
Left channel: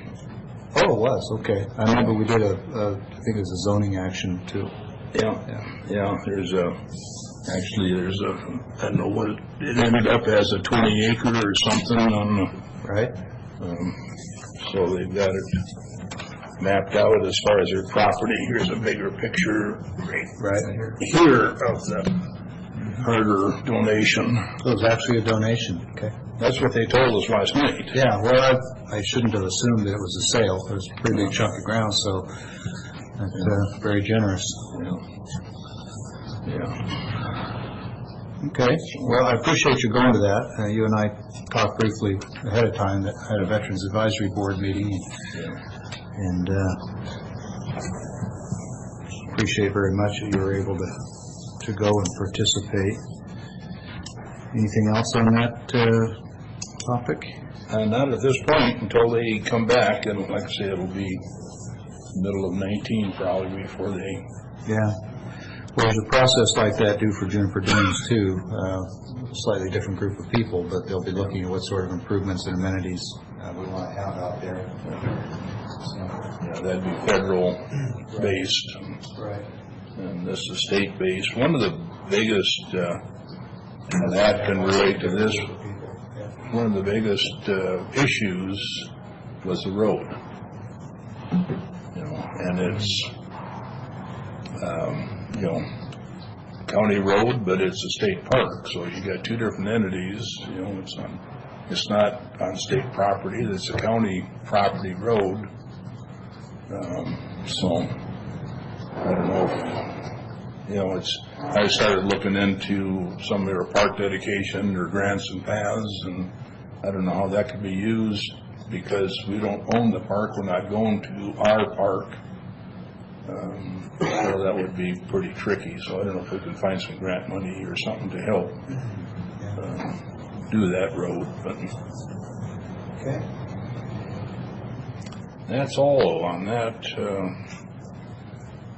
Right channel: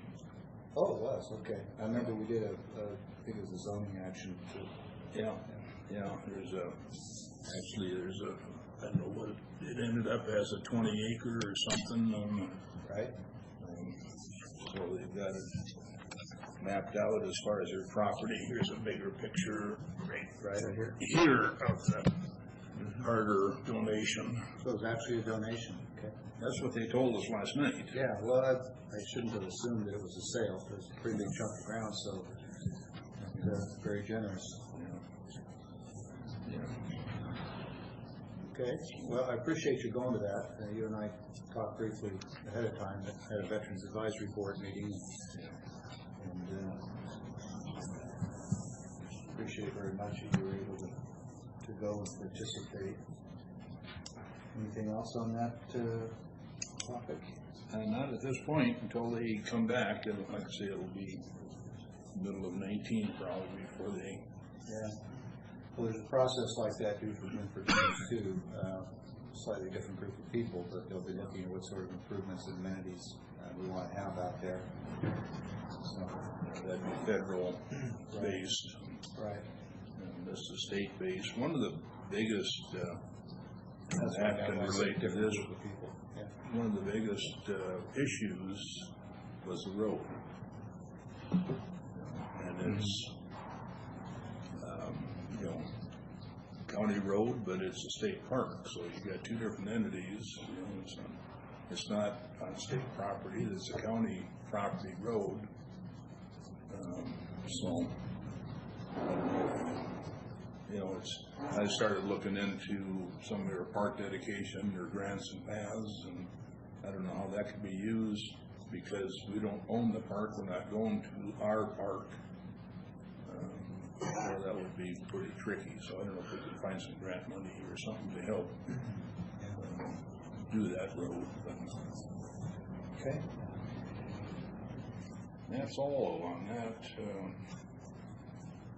Oh, it was, okay. I remember we did I think it was a zoning action too. Yeah. There's I don't know what it ended up as, a 20 acre or something on the, right. So they've got it mapped out as far as their property. Here's a bigger picture right here of the Herder donation. So it was actually a donation, okay. That's what they told us last night. Yeah, well, I shouldn't have assumed that it was a sale. It was a pretty big chunk of ground, so that's very generous. Yeah. Okay, well, I appreciate you going to that. You and I talked briefly ahead of time that I had a Veterans Advisory Board meeting, and appreciate very much that you were able to go and participate. Anything else on that topic? Not at this point until they come back, and like I say, it'll be middle of 19 probably before they. Yeah. Well, there's a process like that due for Juniper Dunes too. Slightly different group of people, but they'll be looking at what sort of improvements and amenities we want to have out there. So, Yeah, that'd be federal based. Right. And this is state based. One of the biggest, and that can relate to this, one of the biggest issues was the road. And it's, county road, but it's a state park, so you got two different entities, it's not on state property, it's a county property road. So, I don't know if, I started looking into some of their park dedication or grants and paths, and I don't know how that could be used, because we don't own the park, we're not going to our park. So that would be pretty tricky, so I don't know if we can find some grant money or something to help do that road, but Okay. that's all on that.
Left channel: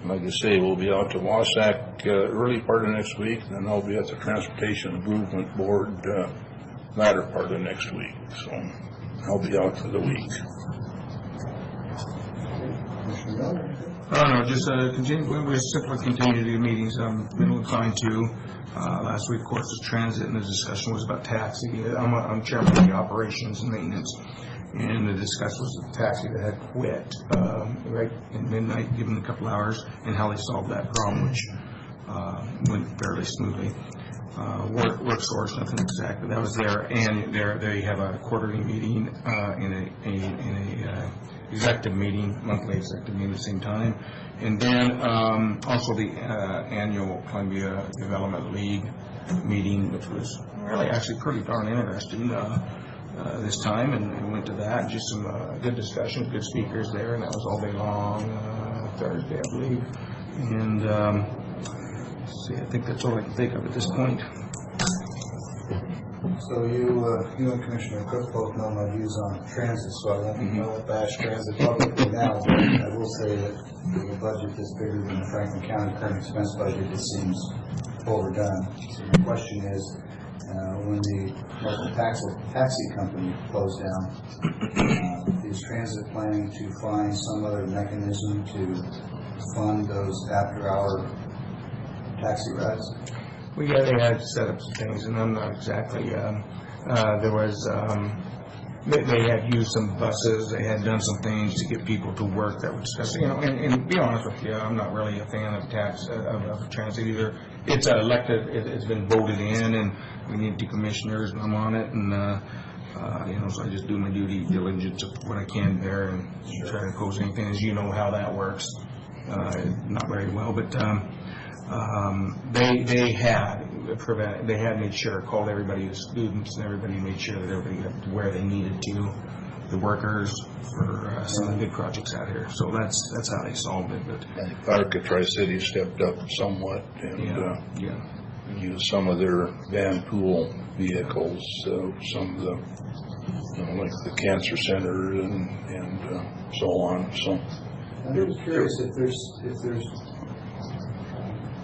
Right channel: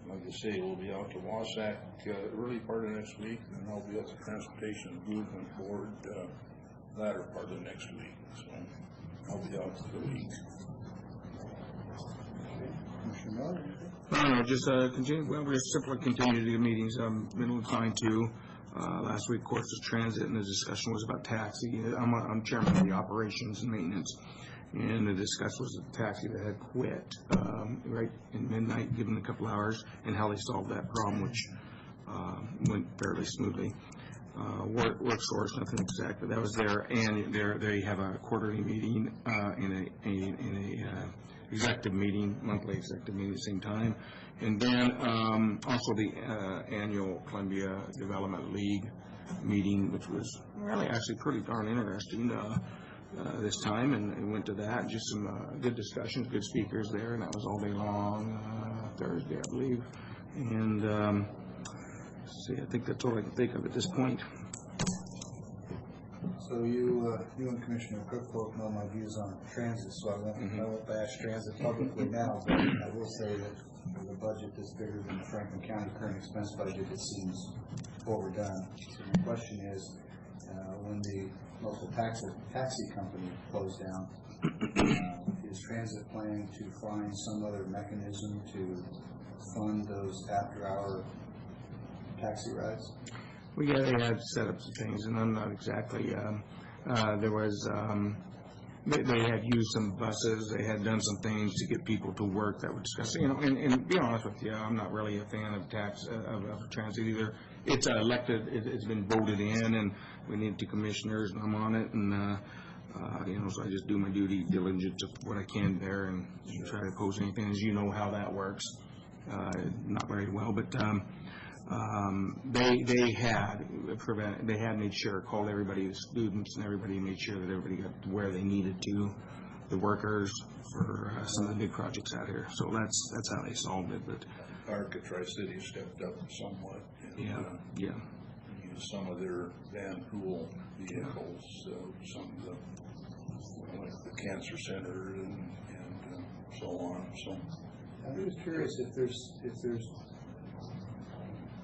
Like I say, we'll be out to Wasack early part of next week, and then I'll be at the Transportation Improvement Board latter part of next week, so I'll be out for the week. No, just continue. We simply continue to do meetings. I'm inclined to. Last week, of course, was transit, and the discussion was about taxi. I'm chairman of the operations and maintenance, and the discussion was the taxi that had quit right in midnight, given a couple hours, and how they solved that problem, which went fairly smoothly. Work source, nothing exact, but that was there, and they have a quarterly meeting in a executive meeting, monthly executive meeting at the same time, and then also the annual Columbia Development League meeting, which was really actually pretty darn interesting this time, and went to that. Just some good discussions, good speakers there, and that was all day long, Thursday, I believe. And let's see, I think that's all I can think of at this point. So you and Commissioner Cook both know my views on transit, so I won't bash transit publicly now, but I will say that with a budget that's bigger than the Franklin County current expense budget, it seems overdone. So the question is, when the local taxi company closed down, is transit planning to find some other mechanism to fund those after-hour taxi rides? Well, yeah, they had set up some things, and I'm not exactly, there was, they had used some buses, they had done some things to get people to work that would discuss, and to be honest with you, I'm not really a fan of of transit either. It's elected, it's been voted in, and we need two commissioners, and I'm on it, and, so I just do my due diligence of what I can there, and try to oppose anything, as you know how that works, not very well, but, they had made sure, called everybody, the students and everybody, made sure that everybody got to where they needed to, the workers, for some of the big projects out here. So that's how they solved it. But Arca Tri-City stepped up somewhat and used some of their van pool vehicles, some of the, like the cancer center and so on. So I'm just curious if there's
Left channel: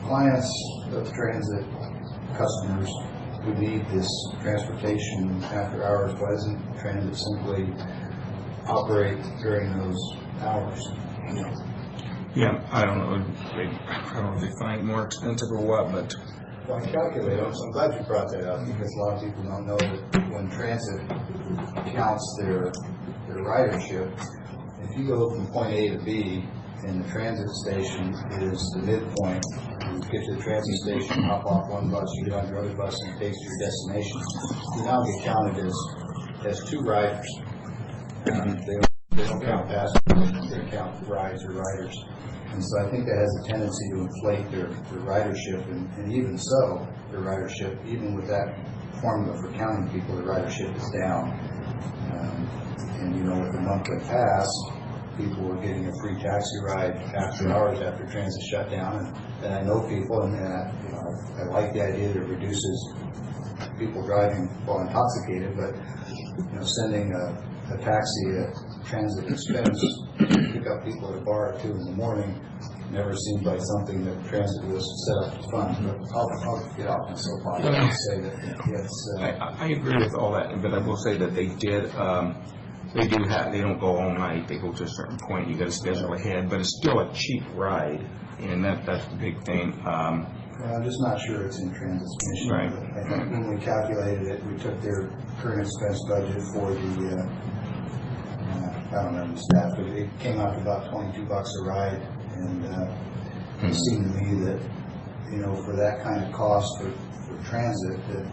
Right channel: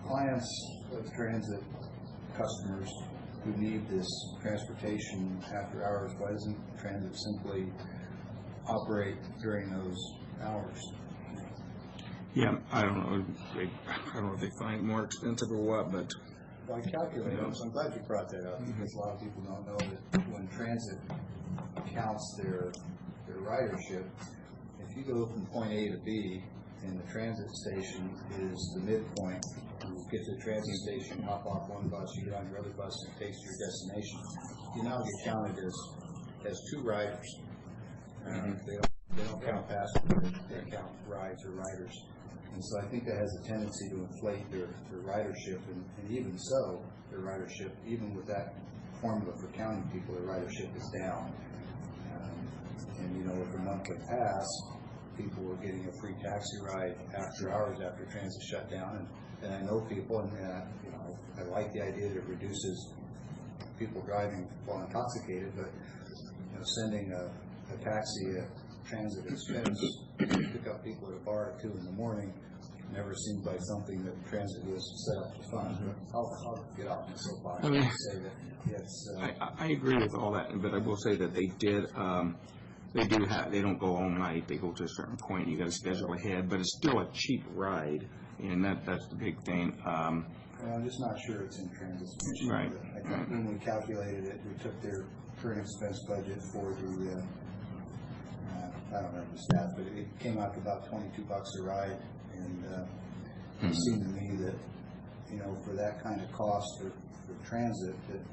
clients of transit customers who need this transportation after hours, why doesn't transit simply operate during those hours? yeah, I don't know if they find it more expensive or what, but Well, I calculate it, so I'm glad you brought that up, because a lot of people don't know that when transit counts their ridership, if you go from point A to B, and the transit station is the midpoint, you get to the transit station, hop off one bus, you get on your other bus, and it takes you to your destination. You now get counted as two riders. They don't count passengers, they count rides or riders. And so I think that has a tendency to inflate their ridership, and even so, their ridership, even with that formula for counting people, the ridership is down. And with the monthly pass, people were getting a free taxi ride after hours after transit shut down, and I know people, and I like the idea that it reduces people driving while intoxicated, but sending a taxi at transit expense pick up people at a bar at 2 in the morning never seemed like something that transit was set up to fund. But I'll get off my soapbox and say that it's. I agree with all that, but I will say that they don't go all night, they go to a certain point, you gotta schedule ahead, but it's still a cheap ride, and that's the big thing. I'm just not sure it's in Transit's mission. Right. I think when we calculated it, we took their current expense budget for the, I don't remember the stats, but it came out to about $22 a ride, and it seemed to me that, for that kind of cost for transit, that,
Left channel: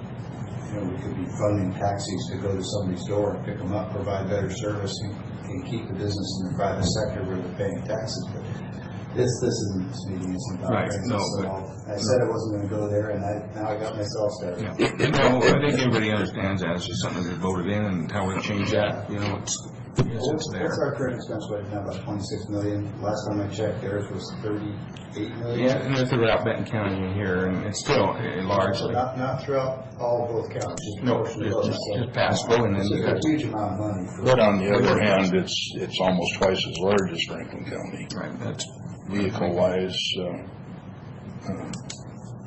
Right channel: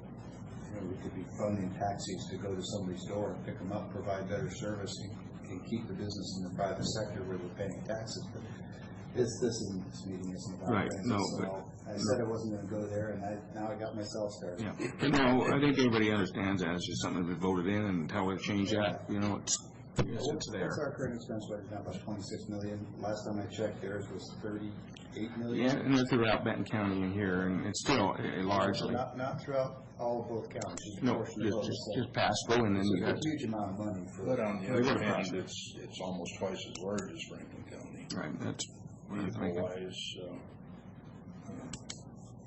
we could be funding taxis to go to somebody's door and pick them up, provide better service, and keep the business in the private sector where they're paying taxes. But this isn't this meeting, it's about Right, transit, no, so I said I wasn't going to go there, and now I got myself started. Yeah. No, I think everybody understands that, it's just something that voted in, and how we change that, it's there. What's our current expense budget now, about $26 million? Last time I checked, theirs was $38 million. Yeah, and they're throughout Benton County and here, and it's still largely. Not throughout all of both counties, just a No, portion of both. just Pasco, and then you got. It's a huge amount of money for. But on the other hand, it's almost twice as large as Franklin County. Right, that's. Vehicle-wise,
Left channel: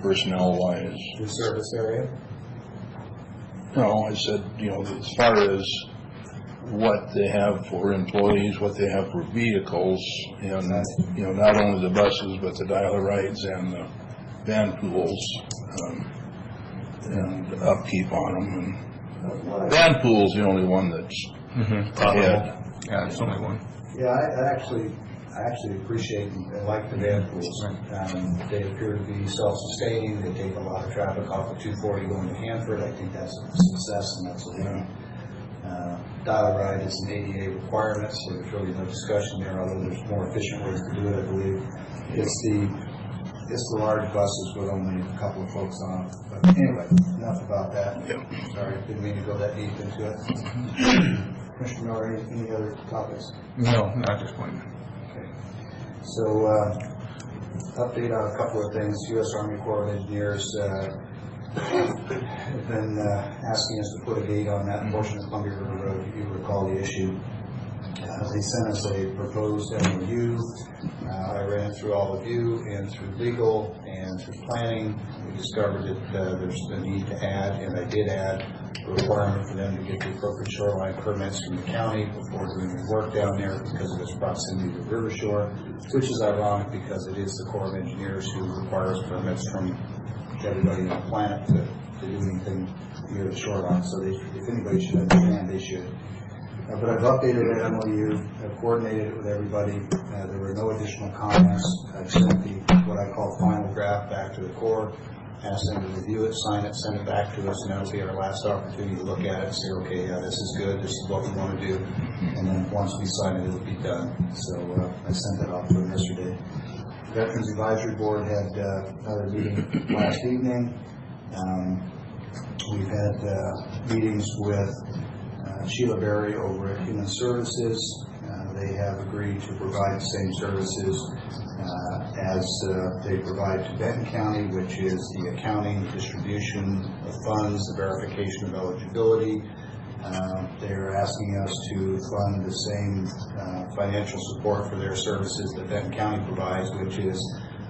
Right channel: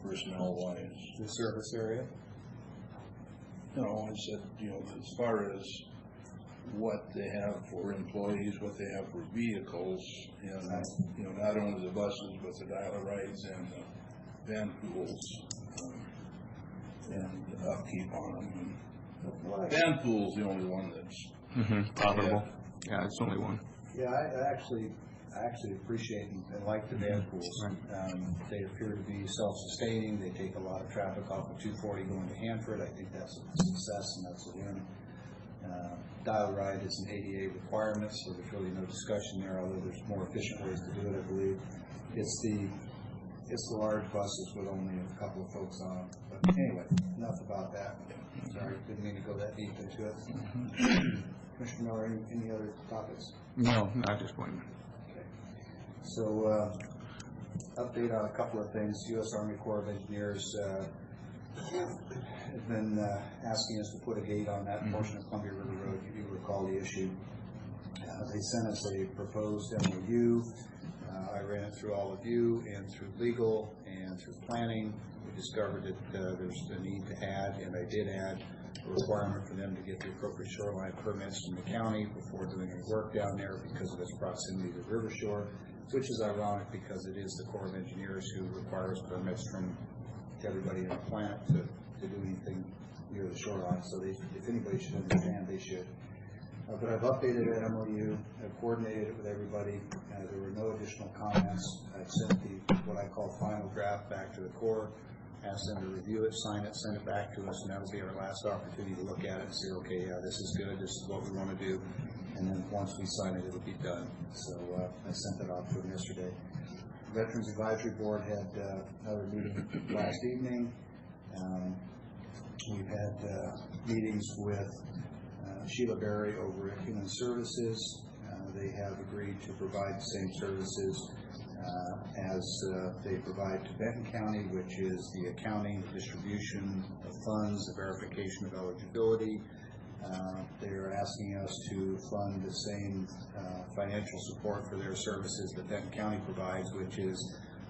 personnel-wise. The service area? No, I said, as far as what they have for employees, what they have for vehicles, and, not only the buses, but the dial-a-rides and the van pools, and upkeep on them. And van pool's the only one that's ahead. Yeah, it's only one. Yeah, I actually appreciate and like the van pools. They appear to be self-sustaining. They take a lot of traffic off of 240 going to Hanford. I think that's a success, and that's a win. Dial-a-ride is an ADA requirement, so there's really no discussion there, although there's more efficient ways to do it, I believe. It's the large buses with only a couple of folks on them. But anyway, enough about that. Sorry, didn't mean to go that deep into it. Commissioner Miller, any other topics? No, not at this point. Okay. So, update on a couple of things. U.S. Army Corps of Engineers have been asking us to put a gate on that portion of Columbia River Road. You recall the issue. They sent us a proposed MOU. I ran it through all of you and through legal and through planning. We discovered that there's a need to add, and I did add, a requirement for them to get the appropriate shoreline permits from the county before doing any work down there because of its proximity to the river shore, which is ironic because it is the Corps of Engineers who requires permits from everybody on the planet to do anything near the shoreline. So if anybody should understand, they should. But I've updated that MOU, I've coordinated it with everybody. There were no additional comments. I've sent what I call final draft back to the Corps, asked them to review it, sign it, send it back to us, and that'll be our last opportunity to look at it and say, okay, yeah, this is good, this is what we want to do. And then once we sign it, it'll be done. So I sent that off to them yesterday. Veterans Advisory Board had another meeting last evening. We've had meetings with Sheila Berry over at Human Services. They have agreed to provide the same services as they provide to Benton County, which is the accounting, the distribution of funds, the verification of eligibility. They're asking us to fund the same financial support for their services that Benton County provides, which is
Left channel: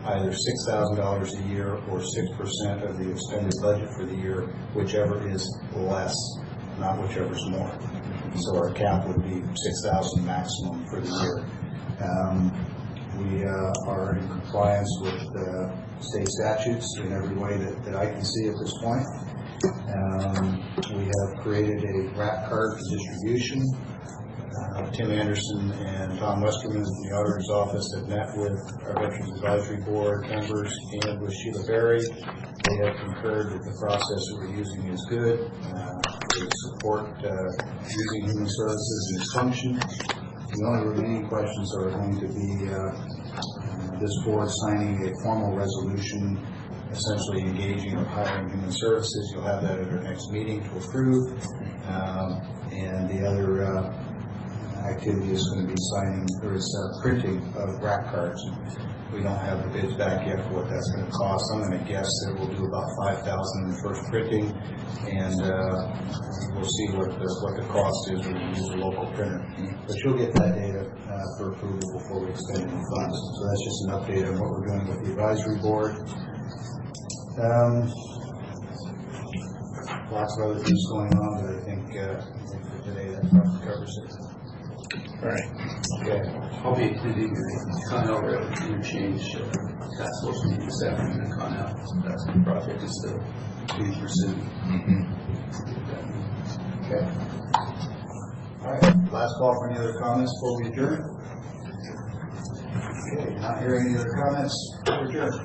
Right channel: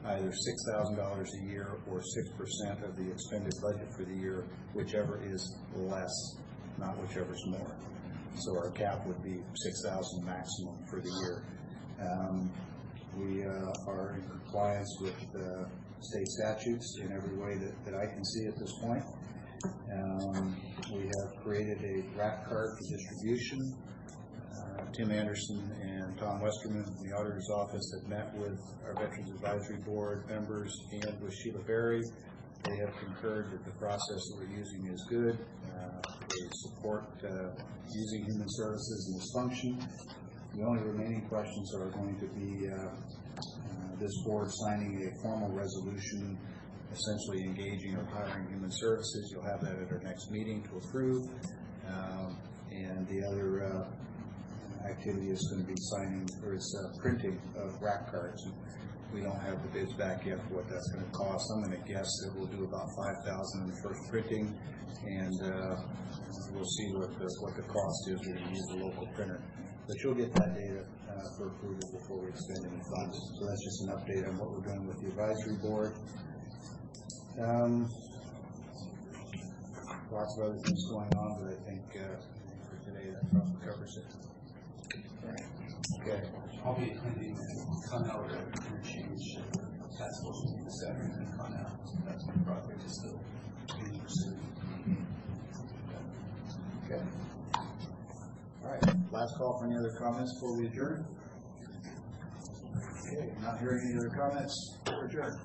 either $6,000 a year or 6% of the expended budget for the year, whichever is less, not whichever's more. So our cap would be $6,000 maximum for the year. We are in compliance with state statutes in every way that I can see at this point. We have created a RAP card for distribution. Tim Anderson and Tom Westerman from the Auditor's Office have met with our Veterans Advisory Board members and with Sheila Berry. They have concurred that the process that we're using is good. They support using Human Services in its function. The only remaining questions are going to be this board signing a formal resolution essentially engaging or hiring Human Services. You'll have that at our next meeting to approve. And the other activity is going to be signing, or is printing of RAP cards. We don't have the bids back yet for what that's going to cost. I'm going to guess that we'll do about $5,000 in the first printing, and we'll see what the cost is when we use a local printer. But you'll get that data for approval before we expend any funds. So that's just an update on what we're doing with the advisory board. Lots of other things going on, but I think for today that probably covers it. All right. Okay. I'll be attending the Connell Road interchange task force meeting this afternoon in Connell. That's the project is still being pursued. Okay. All right, last call for any other comments before we adjourn. Okay, not hearing any other comments, we're adjourned.